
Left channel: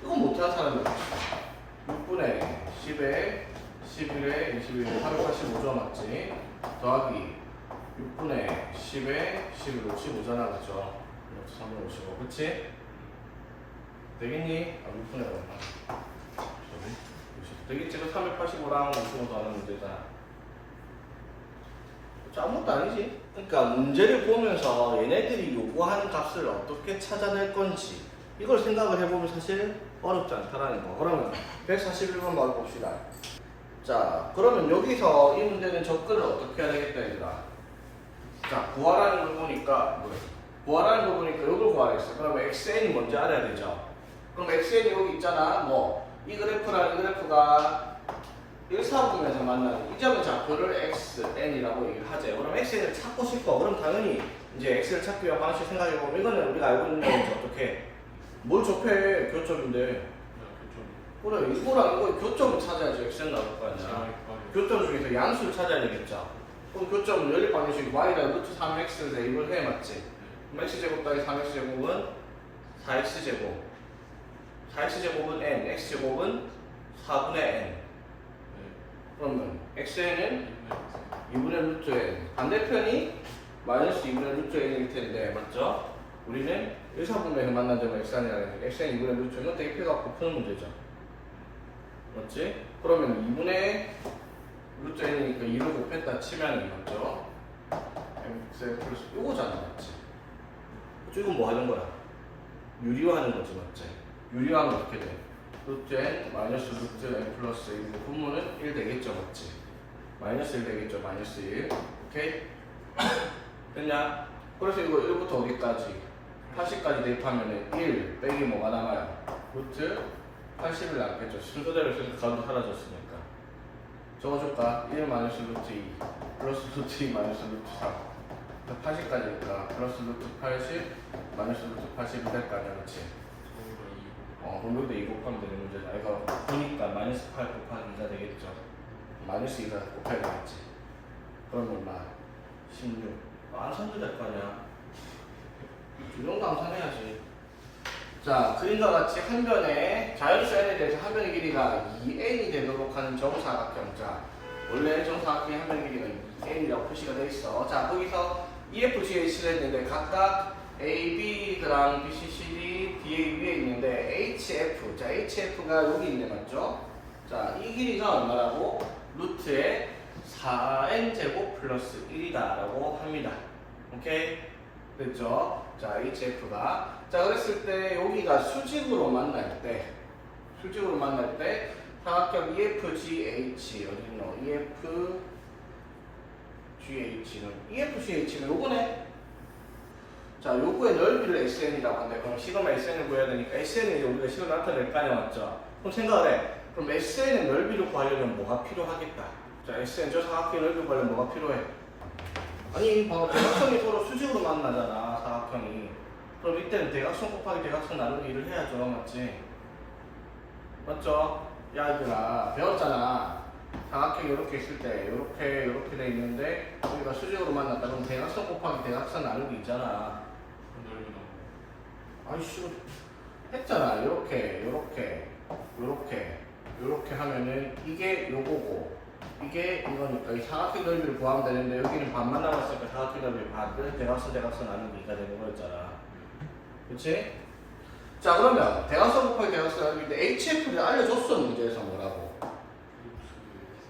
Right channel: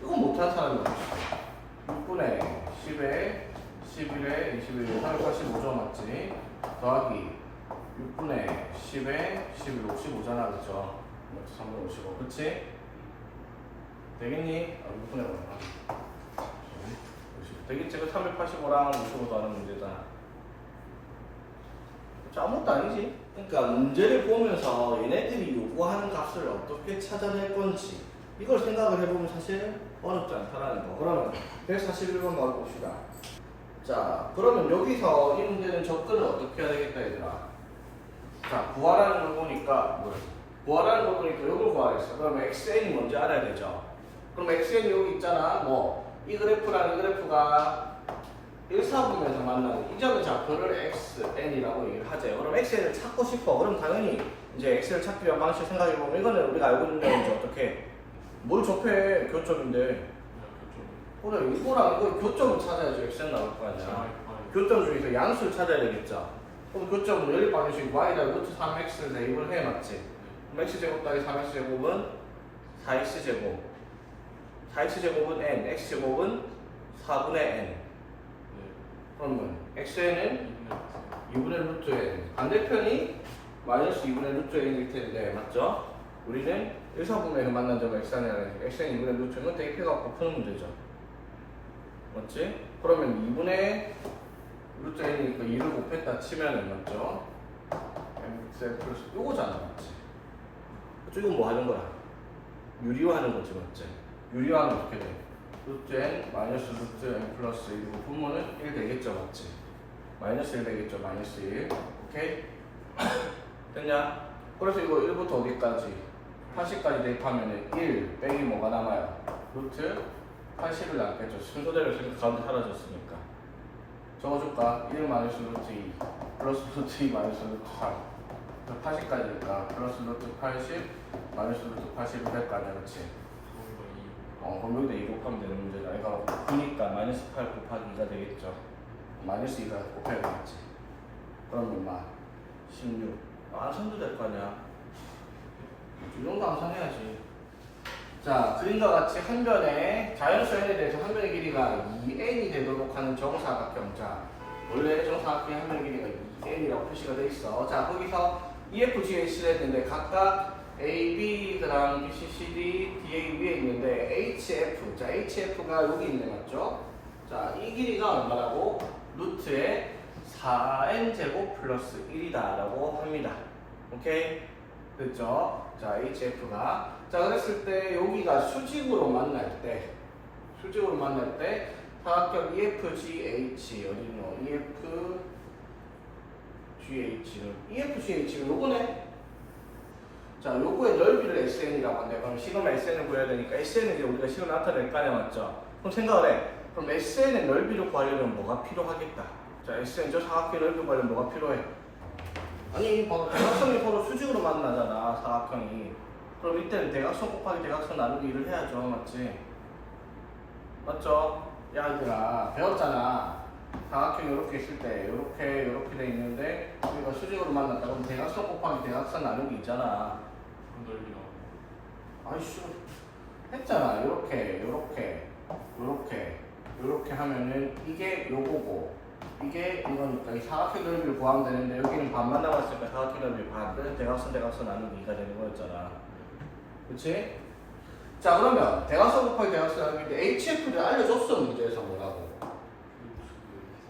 이건 못하는 사람이 없지. 6분의 10에 11에 21에 385죠, 맞지? 더하기 6분의 10에 11, 55잖아, 그죠? 3분의 55, 그치? 되겠니? 6분의 5. 되겠지? 그 385랑 55도 하는 문제잖아. 아무것도 아니지? 그러니까 문제를 보면서 얘네들이 요구하는 값을 어떻게 찾아낼 건지 이걸 생각을 해보면 사실 어렵지 않다라는 거. 그러면 141번 바로 봅시다. 자, 그러면 여기서 이 문제는 접근을 어떻게 해야 되겠다, 얘들아? 자, 구하라는 걸 보니까 구하라는 걸 보니까 이걸 구하랬어. 그러면 xn이 뭔지 알아야 되죠. 그럼 xn이 여기 있잖아. 뭐 이 그래프라는 그래프가 1, 4분면에서 만나는 이 점의 좌표를 xn이라고 얘기를 하죠. 그럼 xn을 찾고 싶어. 그럼 당연히 이제 x를 찾기 위한 방식 생각해보면 이거는 우리가 알고 있는 거지. 어떻게? 뭘 접해? 교점인데. 그래, 이거랑 이거 교점을 찾아야지 xn 나올 거 아니야. 교점 중에서 양수를 찾아야 되겠죠. 그럼 교점은 연립 방정식 y다 루트 3x 대입을 해, 맞지? 그럼 x제곱 더하기 3x제곱은 4x제곱 4x제곱은 n, x제곱은 4분의 n. 그러면 xn은 2분의 루트 n, 반대편이 마이너스 2분의 루트 n일 텐데, 맞죠? 우리는 1, 4분면에서 만난 점은 xn이라는 xn 2분의 루트 n은 대입해갖고 푸는 문제죠. 맞지? 그러면 2분의 루트 n이니까 2를 곱했다 치면은, 맞죠? mx 플러스 요거잖아, 맞지? 그쵸? 이건 뭐 하는 거야? 유리화하는 거지, 맞지? 유리화는 어떻게 돼? 루트 n 마이너스 루트 n 플러스 1이고 분모는 1 되겠죠, 맞지? 마이너스 1 되겠죠, 마이너스 1. 오케이? 됐냐? 그래서 이거 1부터 어디까지? 80까지 대입하면은 1 빼기 뭐가 남아요? 루트 80을 남겠죠. 순서대로 가운데 사라졌으니까. 적어줄까? 1 마이너스 루트 2 플러스 루트 2 마이너스 루트 3 80까지니까 플러스 루트 80 마이너스 루트 80이 될 거 아니야, 그치? 그럼 여기다 2 곱하면 되는 문제다. 이거 9니까 마이너스 8 곱하기 2가 되겠죠. 마이너스 2가 곱하기 되겠지. 그럼 얼마? 16. 선도 될 거 아니야. 이 정도 암산해야지. 자, 그림과 같이 한 변의 자연수 n에 대해서 한 변의 길이가 2n이 되도록 하는 정사각형. 자, 원래 정사각형의 한 변의 길이가 2n이라고 표시가 돼 있어. 자, 거기서 EFGH를 했는데 각각 A, B, 그다음 B, C, C, D, D의 위에 있는데 HF. 자, HF가 여기 있네, 맞죠? 자, 이 길이가 얼마라고? 루트의 4n 제곱 플러스 1이다라고 합니다. 오케이? 됐죠? 자, HF가. 자, 그랬을 때 여기가 수직으로 만날 때 사각형 EFGH 어디 있노? EFGH는 요거네. 자, 요거의 넓이를 SN이라고 한대. 그럼 시그마 SN을 구해야 되니까 SN은 우리가 식으로 나타낼 거 아니야, 맞죠? 그럼 생각을 해. 그럼 SN의 넓이를 구하려면 뭐가 필요하겠다? 자, SN 저 사각형 넓이 구하려면 뭐가 필요해? 아니, 봐봐. 대각선이 서로 수직으로 만나잖아, 사각형이. 그럼 이때는 대각선 곱하기 대각선 나누기 를 해야죠, 맞지? 맞죠? 야, 얘들아, 배웠잖아. 사각형이 이렇게 있을 때 이렇게 돼 있는데 우리가 수직으로 만났다 그럼 대각선 곱하기 대각선 나누기 있잖아. 넓이 나오고. 아이씨 했잖아. 이렇게 하면은 이게 요거고 이게 이거니까 이 사각형 넓이를 구하면 되는데 여기는 반만 남았으니까 사각형 넓이 반 그래서 대각선 나누기 2가 되는 거였잖아. 그치? 자 그러면 대각선 곱하기 대각선 나누기인데 HF를 알려줬어 문제에서 뭐라고.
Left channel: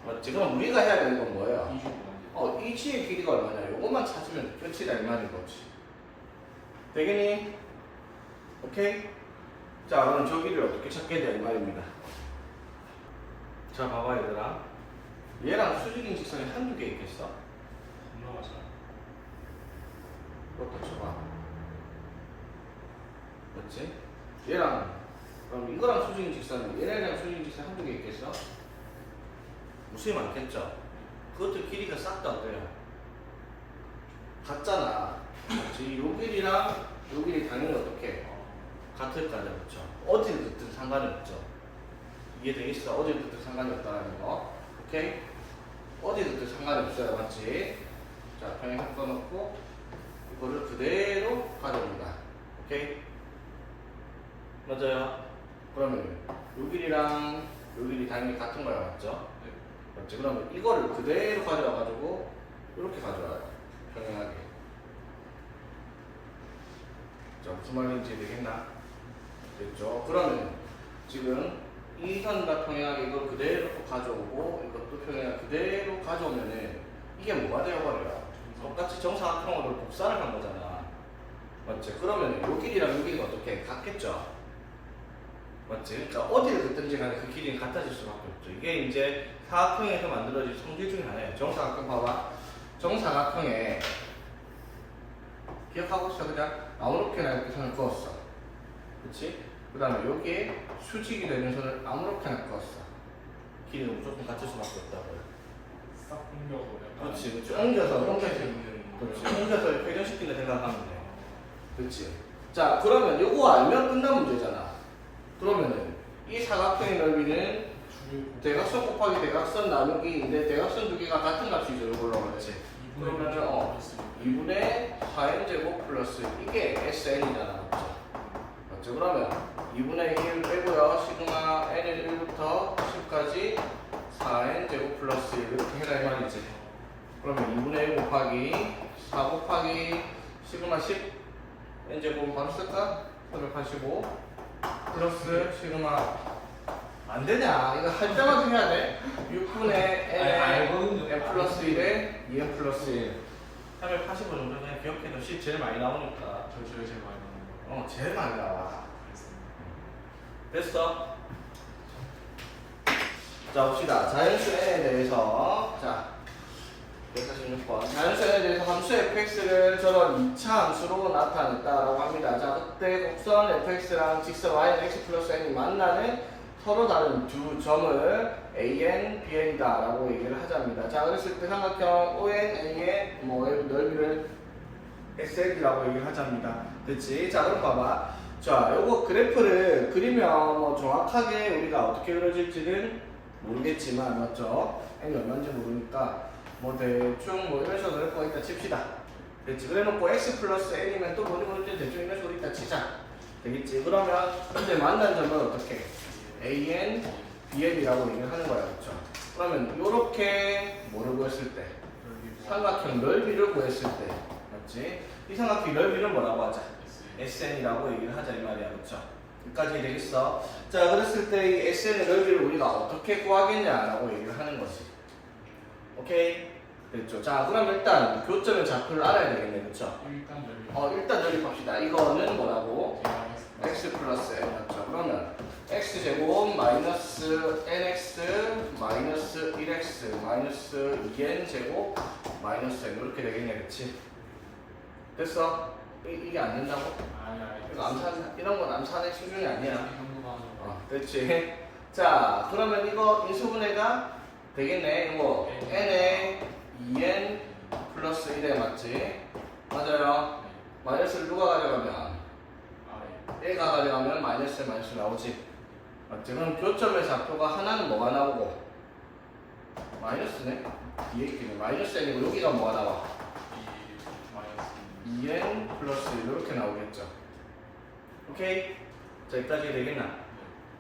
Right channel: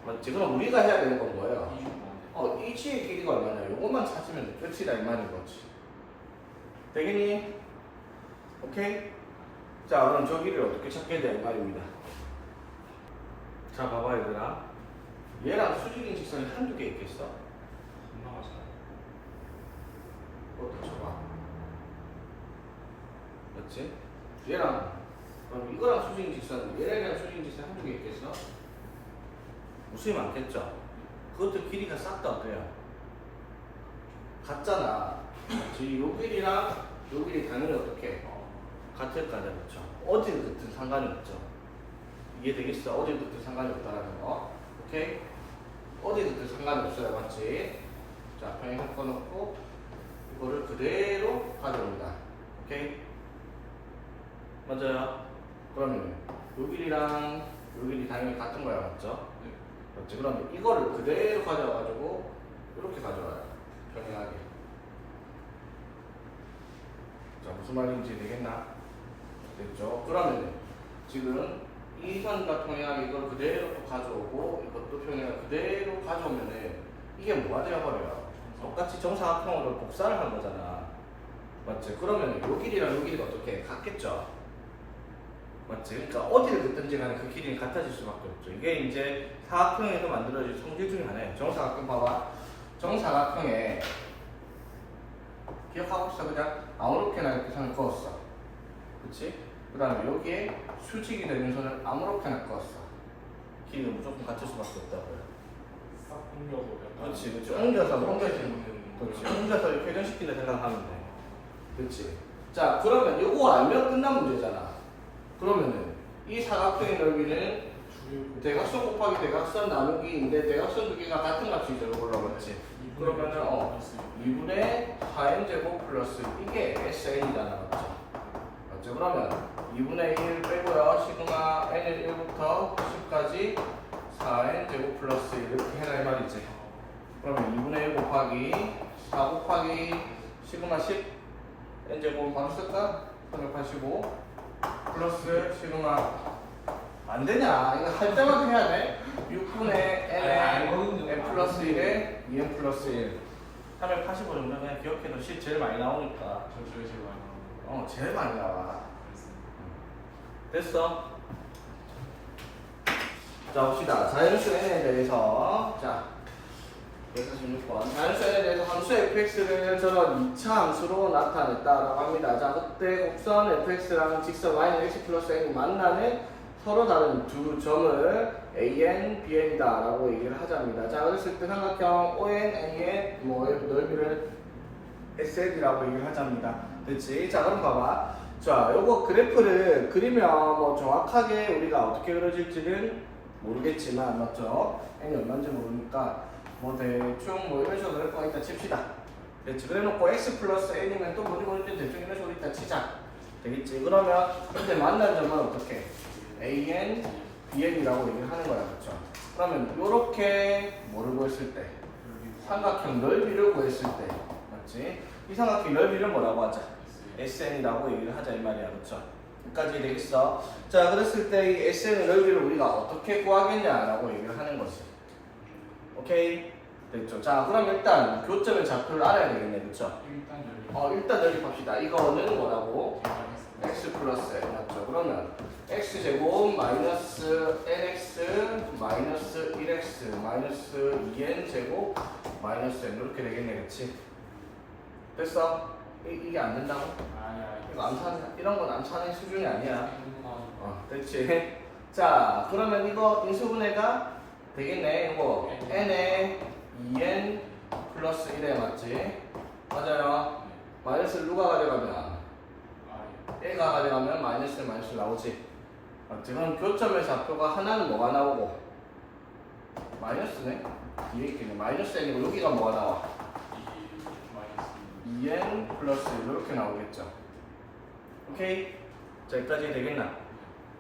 맞지? 그럼 우리가 해야 되는 건 뭐예요? 이치의 길이가 얼마냐? 요것만 찾으면 끝이다 이 말인 거지. 되겠니? 오케이? 자 그럼 저 길이를 어떻게 찾겠냐 이 말입니다. 자 봐봐 얘들아, 얘랑 수직인 직선이 한두 개 있겠어? 겁나 잘. 그것도 쳐봐. 맞지? 얘랑 그럼 이거랑 수직인 직선, 얘랑 수직인 직선 한두 개 있겠어? 무수히 많겠죠? 그것도 길이가 싹 다 어때요? 같잖아. 맞지? 요 길이랑 요 길이 당연히 어떻게? 같을 거죠, 그렇죠? 어디를 긋든 상관이 없죠. 이해되겠어? 어디를 긋든 상관이 없다는 거. 오케이? 어디를 긋든 상관이 없어요, 맞지? 자, 평행 꺾어놓고 이거를 그대로 가져옵니다. 오케이? 맞아요? 그러면 요 길이랑 요 길이 당연히 같은 거야, 맞죠? 네. 맞지? 그러면 이거를 그대로 가져와가지고 이렇게 가져와요. 평행하게. 자, 무슨 말인지 되겠나? 됐죠? 그러면 지금 이 선과 평행하게 이걸 그대로 또 가져오고 이것도 평행하게 그대로 가져오면은 이게 뭐가 되어버려요? 똑같이 정사각형으로 복사를 한 거잖아. 맞지? 그러면 요 길이랑 요 길이가 어떻게 같겠죠? 맞지? 그러니까 어디를 긋든지 간에 그 길이는 같아질 수밖에 없죠. 이게 이제 사각형에서 만들어진 성질 중에 하나예요. 정사각형 봐봐. 정사각형에 기억하고 있어. 그냥 아무렇게나 이렇게 선을 그었어. 그치? 그 다음에 여기에 수직이 되는 선을 아무렇게나 그었어. 길이는 무조건 같을 수밖에 없다고요. 싹 옮겨서 약간. 그렇지. 옮겨서 이렇게 회전시킨다 생각하면 돼. 그렇지. 자, 그러면 이거 알면 끝난 문제잖아. 그러면은 이 사각형의 넓이는 대각선 곱하기 대각선 나누기인데 대각선 두 개가 같은 값이죠. 이걸로 그렇지. 그러면은 2분의 4n제곱 플러스 이게 SN이잖아. 맞죠? 맞죠? 그러면 2분의 1 빼고요. 시그마 n을 1부터 10까지 4n제곱 플러스 1 이렇게 해라 이 말이지. 그러면 2분의 1 곱하기 4 곱하기 시그마 10 n제곱 바로 쓸까? 385 플러스 시그마 안 되냐? 이거 할 때마다 해야 돼. 6분의 n에 n 플러스 1에 2n 플러스 1 385 정도 그냥 기억해도 10 제일 많이 나오니까. 저 제일 많이 나오는 거. 제일 많이 나와. 그랬습니다. 됐어? 자 봅시다. 자연수 n에 대해서 자 146번 자연수 n에 대해서 함수 fx를 저런 2차 함수로 나타냈다라고 합니다. 자 그때 곡선 fx랑 직선 y는 x 플러스 n이 만나는 서로 다른 두 점을 an, bn이다 라고 얘기를 하자입니다. 자 그랬을 때 삼각형 on, an 뭐 넓이를 SL이라고 얘기를 하자입니다. 됐지? 자 그럼 봐봐. 자 요거 그래프를 그리면 뭐 정확하게 우리가 어떻게 그려질지는 모르겠지만 맞죠? n이 얼마인지 모르니까 뭐 대충 뭐 이런 식으로 그릴 거 있다 칩시다. 됐지? 그래놓고 x 플러스 n이면 또 뭐지 모르지 대충 이런 식으로 있다 치자. 되겠지? 그러면 근데 만난 점은 어떻게? an, bn이라고 얘기를 하는 거야. 그렇죠? 그러면 요렇게 뭐를 구했을 때? 삼각형 넓이를 구했을 때 맞지? 이 삼각형 넓이를 뭐라고 하자? SN이라고 얘기를 하자 이 말이야. 그렇죠? 여기까지 되겠어? 자 그랬을 때 이 SN의 넓이를 우리가 어떻게 구하겠냐라고 얘기를 하는 거지. 오케이? 됐죠? 자 그럼 일단 교점의 좌표를 알아야 되겠네. 그렇죠? 일단 연립합시다. 이거는 뭐라고? x 플러스 n 맞죠? 그러면 x제곱 마이너스 nx 마이너스 1x 마이너스 2n 제곱 마이너스 n 이렇게 되겠네. 그치? 됐어? 이게 안 된다고? 이거 이런 건 암산의 수준이 아니야. 됐지? 자 그러면 이거 인수분해가 되겠네. 이거 n에 2n 플러스 1에 맞지? 맞아요. 마이너스를 누가 가져가면? 얘가 가져가면 마이너스 나오지. 맞지? 그럼 교점의 좌표가 하나는 뭐가 나오고? 마이너스네. 뒤에 있겠네. 마이너스 n이고 여기가 뭐가 나와? 2n 플러스 1 이렇게 나오겠죠. 오케이? 자, 여기까지 되겠나?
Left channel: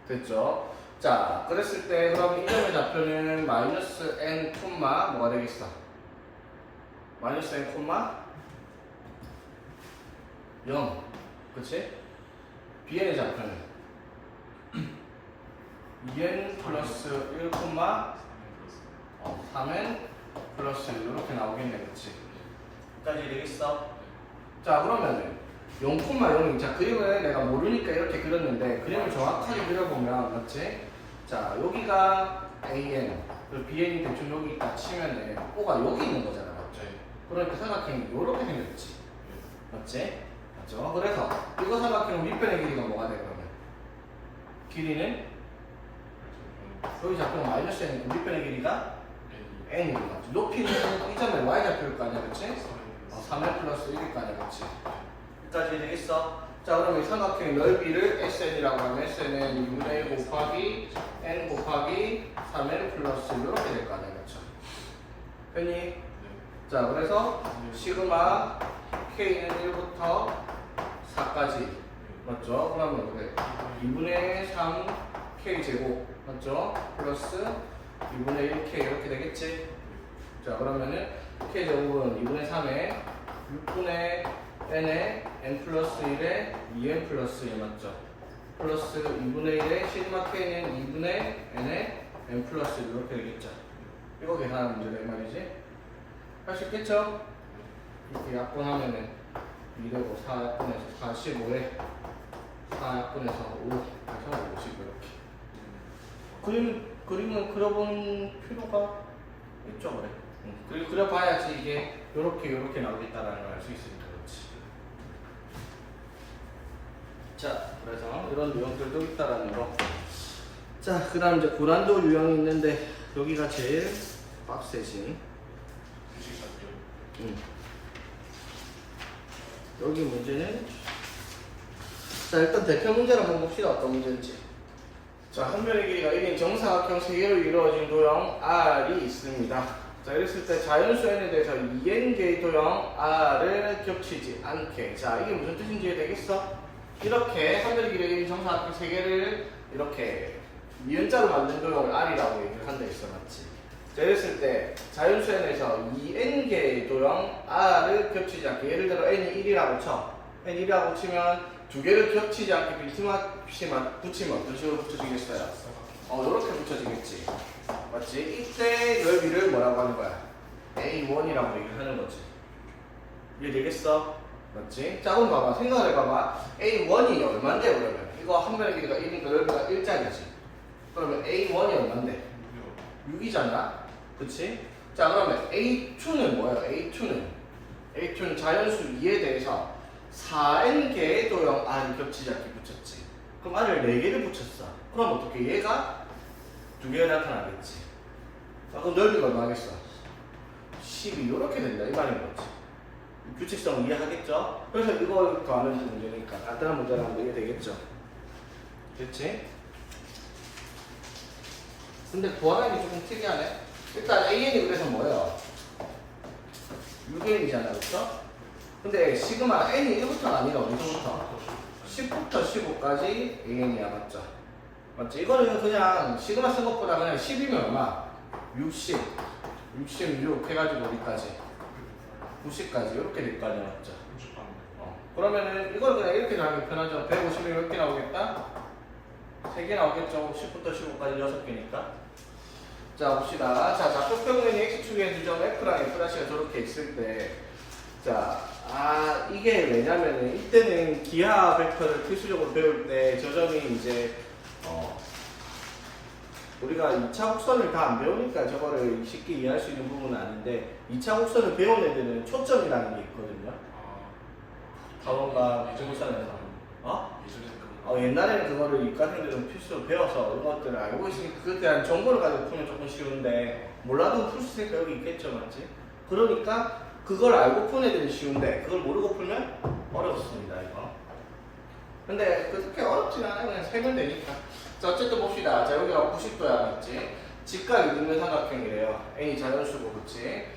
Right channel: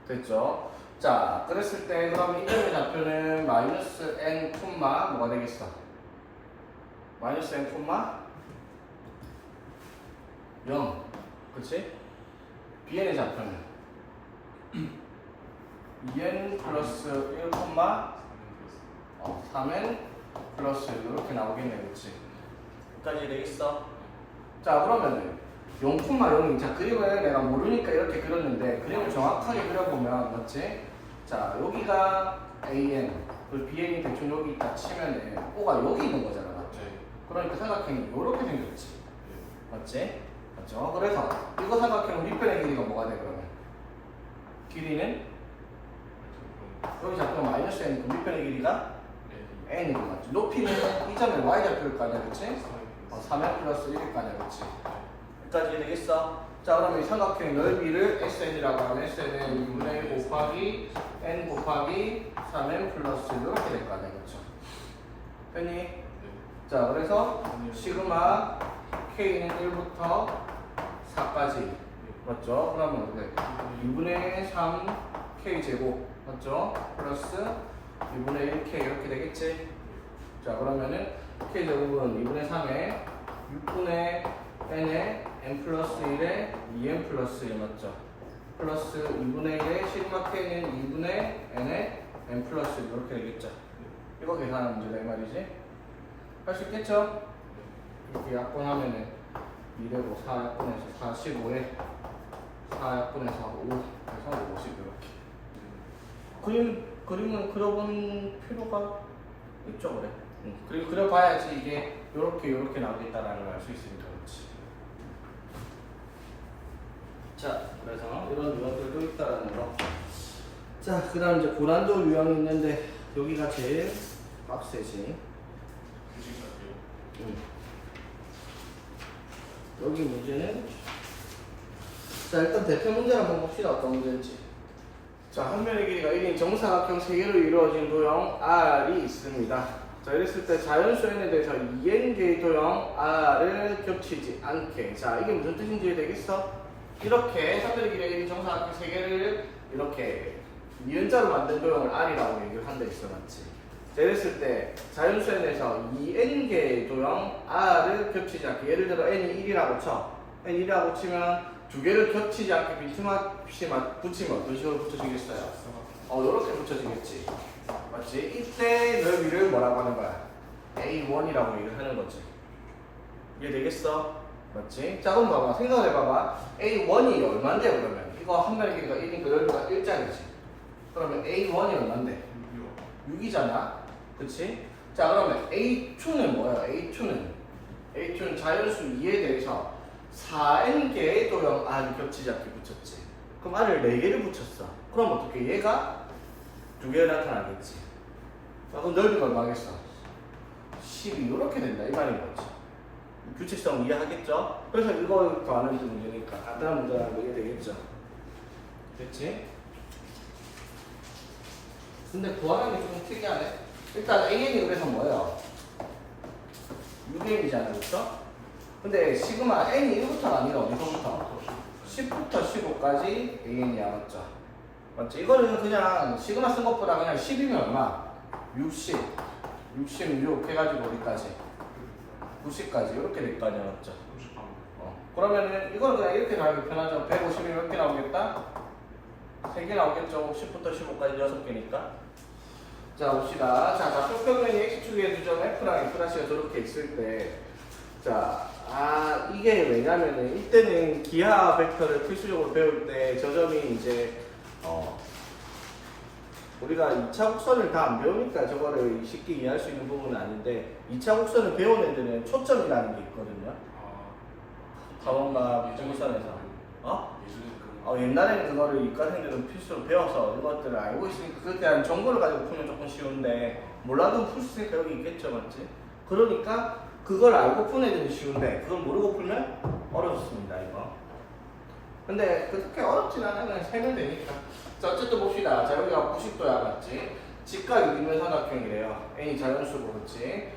됐죠? 자, 그랬을 때 그럼 이 점의 좌표는 마이너스 n 콤마 뭐가 되겠어? 마이너스 n 콤마 0. 그치? bn의 좌표는 2n 플러스 1 콤마 3n 플러스 1 이렇게 나오겠네. 그치? 여기까지 되겠어? 자, 그러면은 0,0. 자, 그림을 내가 모르니까 이렇게 그렸는데 그림을 정확하게 그려보면 맞지? 자, 여기가 AN 그리고 BN이 대충 여기 있다 치면은 O가 여기 있는 거잖아. 맞지? 그러니까 삼각형이 이렇게 생겼지. 맞지? 맞죠? 그래서 이거 삼각형 밑변의 길이가 뭐가 돼 그러면? 길이는 여기 좌표가 마이너스 n이고 밑변의 길이가 n이고 맞지? 높이는 이 점에 y 좌표일 거 아니야, 그치? 3n 플러스 1일 거 아니야, 그치? 여기까지 되겠어? 자, 그럼 이 삼각형 넓이를 SN이라고 하면 SN은 2분의 1 곱하기 N 곱하기 3N 플러스 이렇게 될 거 아니야, 그쵸? 됐니? 자, 그래서 시그마 K는 1부터 4까지 맞죠? 그러면 어떻게? 2분의 3 K 제곱 맞죠? 플러스 2분의 1 K 이렇게 되겠지? 자, 그러면은 K 제곱은 2분의 3에 6분의 n에 n 플러스 1에 2n 플러스 1 맞죠? 플러스 2분의 1에 시그마 k는 2분의 n에 n 플러스 1 이렇게 되겠죠? 이거 계산하는 문제다 이 말이지? 할 수 있겠죠? 이렇게 약분하면은 2되고 4약분해서 45에 4약분해서 5 그래서 50 이렇게 그림은 그려본 필요가 있죠 그래? 그리고 그려봐야지 이게 요렇게 나오겠다라는 걸 알 수 있으니까 그렇지. 자, 그래서 이런 유형들도 있다라는 거. 자, 그 다음 이제 고난도 유형이 있는데 여기가 제일 빡세지. 여기 문제는 자, 일단 대표 문제를 한번 봅시다. 어떤 문제인지. 자, 한 면의 길이가 1인 정사각형 3개로 이루어진 도형 R이 있습니다. 자, 이랬을 때 자연수 n에 대해서 2n개의 도형 R을 겹치지 않게. 자, 이게 무슨 뜻인지 이해되겠어? 이렇게 3면의 길이가 1인 정사각형 3개를 이렇게 니은자로 만든 도형을 R이라고 얘기를 한다 했어, 맞지? 자, 이랬을 때 자연수 n에서 2n개의 도형 R을 겹치지 않게. 예를 들어 n이 1이라고 쳐. n 1이라고 치면 두 개를 겹치지 않게 빈틈없이 붙이면 어떤 식으로 붙여지겠어요? 요렇게 붙여지겠지. 맞지? 이때 넓이를 뭐라고 하는 거야? A1이라고 얘기를 하는 거지. 이해되겠어? 맞지? 자, 그럼 봐봐. 생각을 해봐봐. A1이 얼만데, 그러면? 이거 한 면의 길이가 1이니까 넓이가 1짜리지. 그러면 A1이 얼만데? 6이잖아. 그치? 자, 그러면 A2는 뭐예요? A2는 자연수 2에 대해서 4n개의 도형 R이 겹치지 않게 붙였지. 그럼 R을 4개를 붙였어. 그럼 어떻게? 얘가 2개가 나타나겠지. 아, 그럼 넓이가 얼마겠어? 10이 이렇게 된다. 이 말인 거지. 규칙성을 이해하겠죠? 그래서 이걸 더하는 문제니까 간단한 문제라는 게 되겠죠. 그치? 근데 구하는 게 조금 특이하네. 일단 AN이 그래서 뭐예요? 6n이잖아, 그렇죠? 근데 시그마 n이 1부터가 아니라 어디서부터? 10부터 15까지 AN이야, 맞죠? 맞죠? 이거는 그냥 시그마 쓴 것보다 그냥 10이면 얼마? 60, 66 해가지고 어디까지? 90까지 이렇게 될 거 아니야, 맞죠? 그러면은 이걸 그냥 이렇게 나오기 편하죠. 150이 이렇게 나오겠다? 3개 나오겠죠? 10부터 15까지 6개니까. 자, 봅시다. 자, 좌표평면이 x축의 두점 f랑 f'가 저렇게 있을 때, 자, 이게 왜냐면은 이때는 기하 벡터를 필수적으로 배울 때 저 점이 이제 우리가 2차 곡선을 다 안 배우니까 저거를 쉽게 이해할 수 있는 부분은 아닌데 2차 곡선을 배운 애들은 초점이라는 게 있거든요. 타원과 비정선에서 옛날에는 그거를 이과생들은 필수로 배워서 이것들을 알고 있으니까 그에 대한 정보를 가지고 풀면 조금 쉬운데 몰라도 풀 수 있으니까 여기 있겠죠, 맞지? 그러니까 그걸 알고 푸는 애들은 쉬운데 그걸 모르고 풀면 어렵습니다, 이거. 근데 그렇게 어렵진 않아요. 그냥 세면 되니까. 자, 어쨌든 봅시다. 자, 여기가 90도야, 맞지? 직각이 있는 삼각형이래요. n이 자연수고, 그치?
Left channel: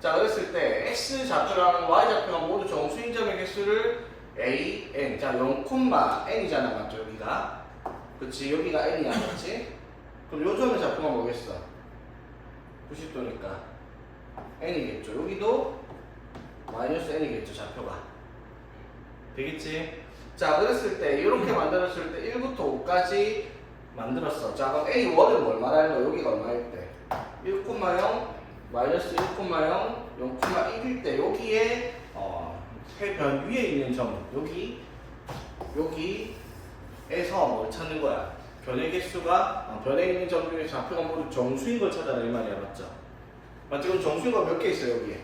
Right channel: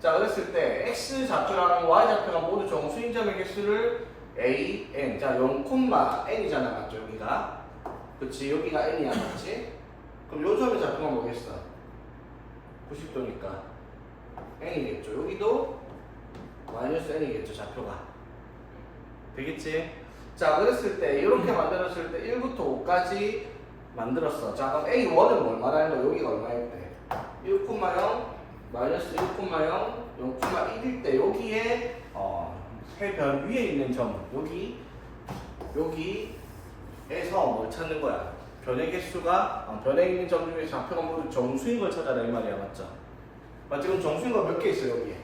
자, 그랬을 때 x 좌표랑 y 좌표가 모두 정수인 점의 개수를 a, n. 자, 0,n이잖아, 맞죠? 여기가. 그치? 여기가 n이야, 맞지? 그럼 요 점의 좌표가 뭐겠어? 90도니까 n이겠죠. 여기도 마이너스 n이겠죠, 좌표가. 되겠지? 자, 그랬을 때 이렇게 만들었을 때 1부터 5까지 만들었어. 자, 그럼 A1은 뭘 말하는 거야? 여기가 얼마일 때? 1,0, 마이너스 1,0, 0,1일 때 여기에 해변 위에 있는 점 여기에서 뭘 찾는 거야? 변의 개수가 변에 있는 점 중에 좌표가 모두 정수인 걸 찾아라 이 말이야, 맞죠? 맞지? 그럼 정수인 거 몇 개 있어 여기에?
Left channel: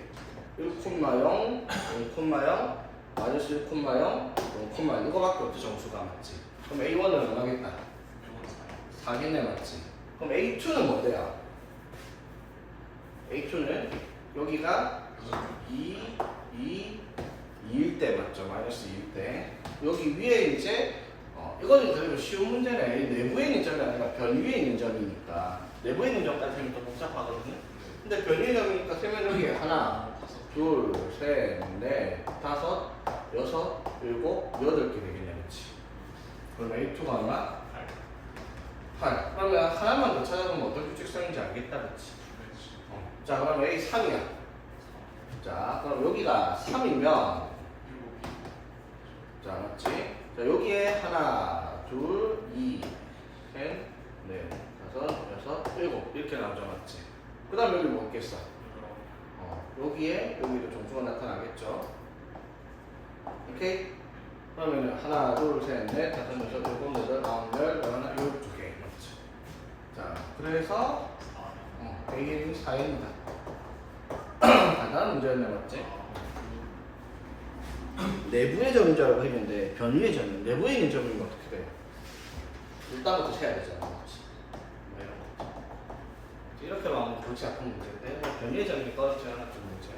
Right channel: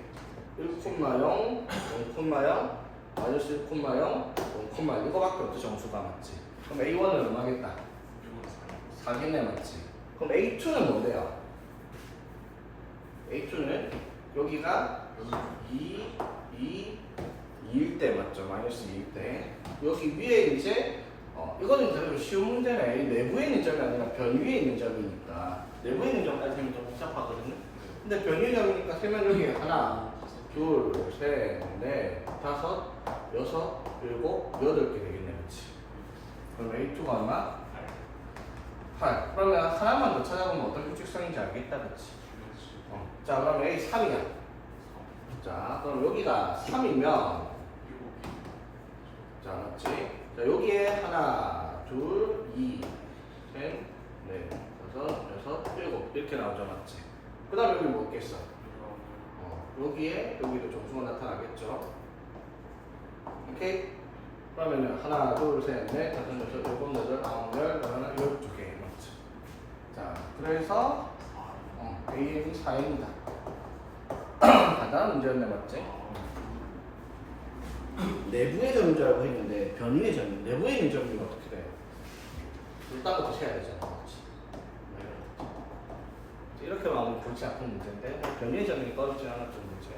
1,0, 0,0, 마이너스 1,0, 0,1 이거밖에 없죠, 정수가. 맞지? 그럼 A1은 얼마겠다? 4겠네, 맞지? 그럼 A2는 뭔데요? A2는 여기가 2일 때, 맞죠? 마이너스 2일 때. 여기 위에 이제 이거는 그래도 쉬운 문제네. 내부에 있는 점이 아니라 변 위에 있는 점이니까. 내부에 있는 점까지 하면 더 복잡하거든요. 근데 변 위에 점이니까 세면 여기 하나, 둘, 셋, 넷, 다섯, 여섯, 일곱, 여덟 개 되겠네, 그렇지? 그럼 A2가 얼마? 8. 그러면 하나만 더 찾아보면 어떤 규칙성인지 알겠다, 그렇지? 자, 그럼 A3이야. 자, 그럼 여기가 3이면, 자, 맞지? 자, 여기에 하나, 둘, 2, 셋, 넷, 다섯, 여섯, 일곱 이렇게 나오죠, 맞지? 그 다음 여기 뭐 있겠어? 여기에 여기도 정수가 나타나겠죠. 오케이? 그러면 하나, 둘, 셋, 넷, 다섯, 여섯, 일곱, 여덟, 아홉, 열, 열하나, 12개, 맞지? 자, 그래서 AN이 4입니다. 간단한 문제였네, 맞지? 내부의 점인 줄 알고 했는데 변 위의 점이 내부에 있는 점이면 어떻게 돼요? 일단 것도 세야 되잖아, 맞지? 뭐 이런 거. 이렇게 마음은 골치 아픈 문제인데 변 위의 점이니까 어렵지 않았던 문제.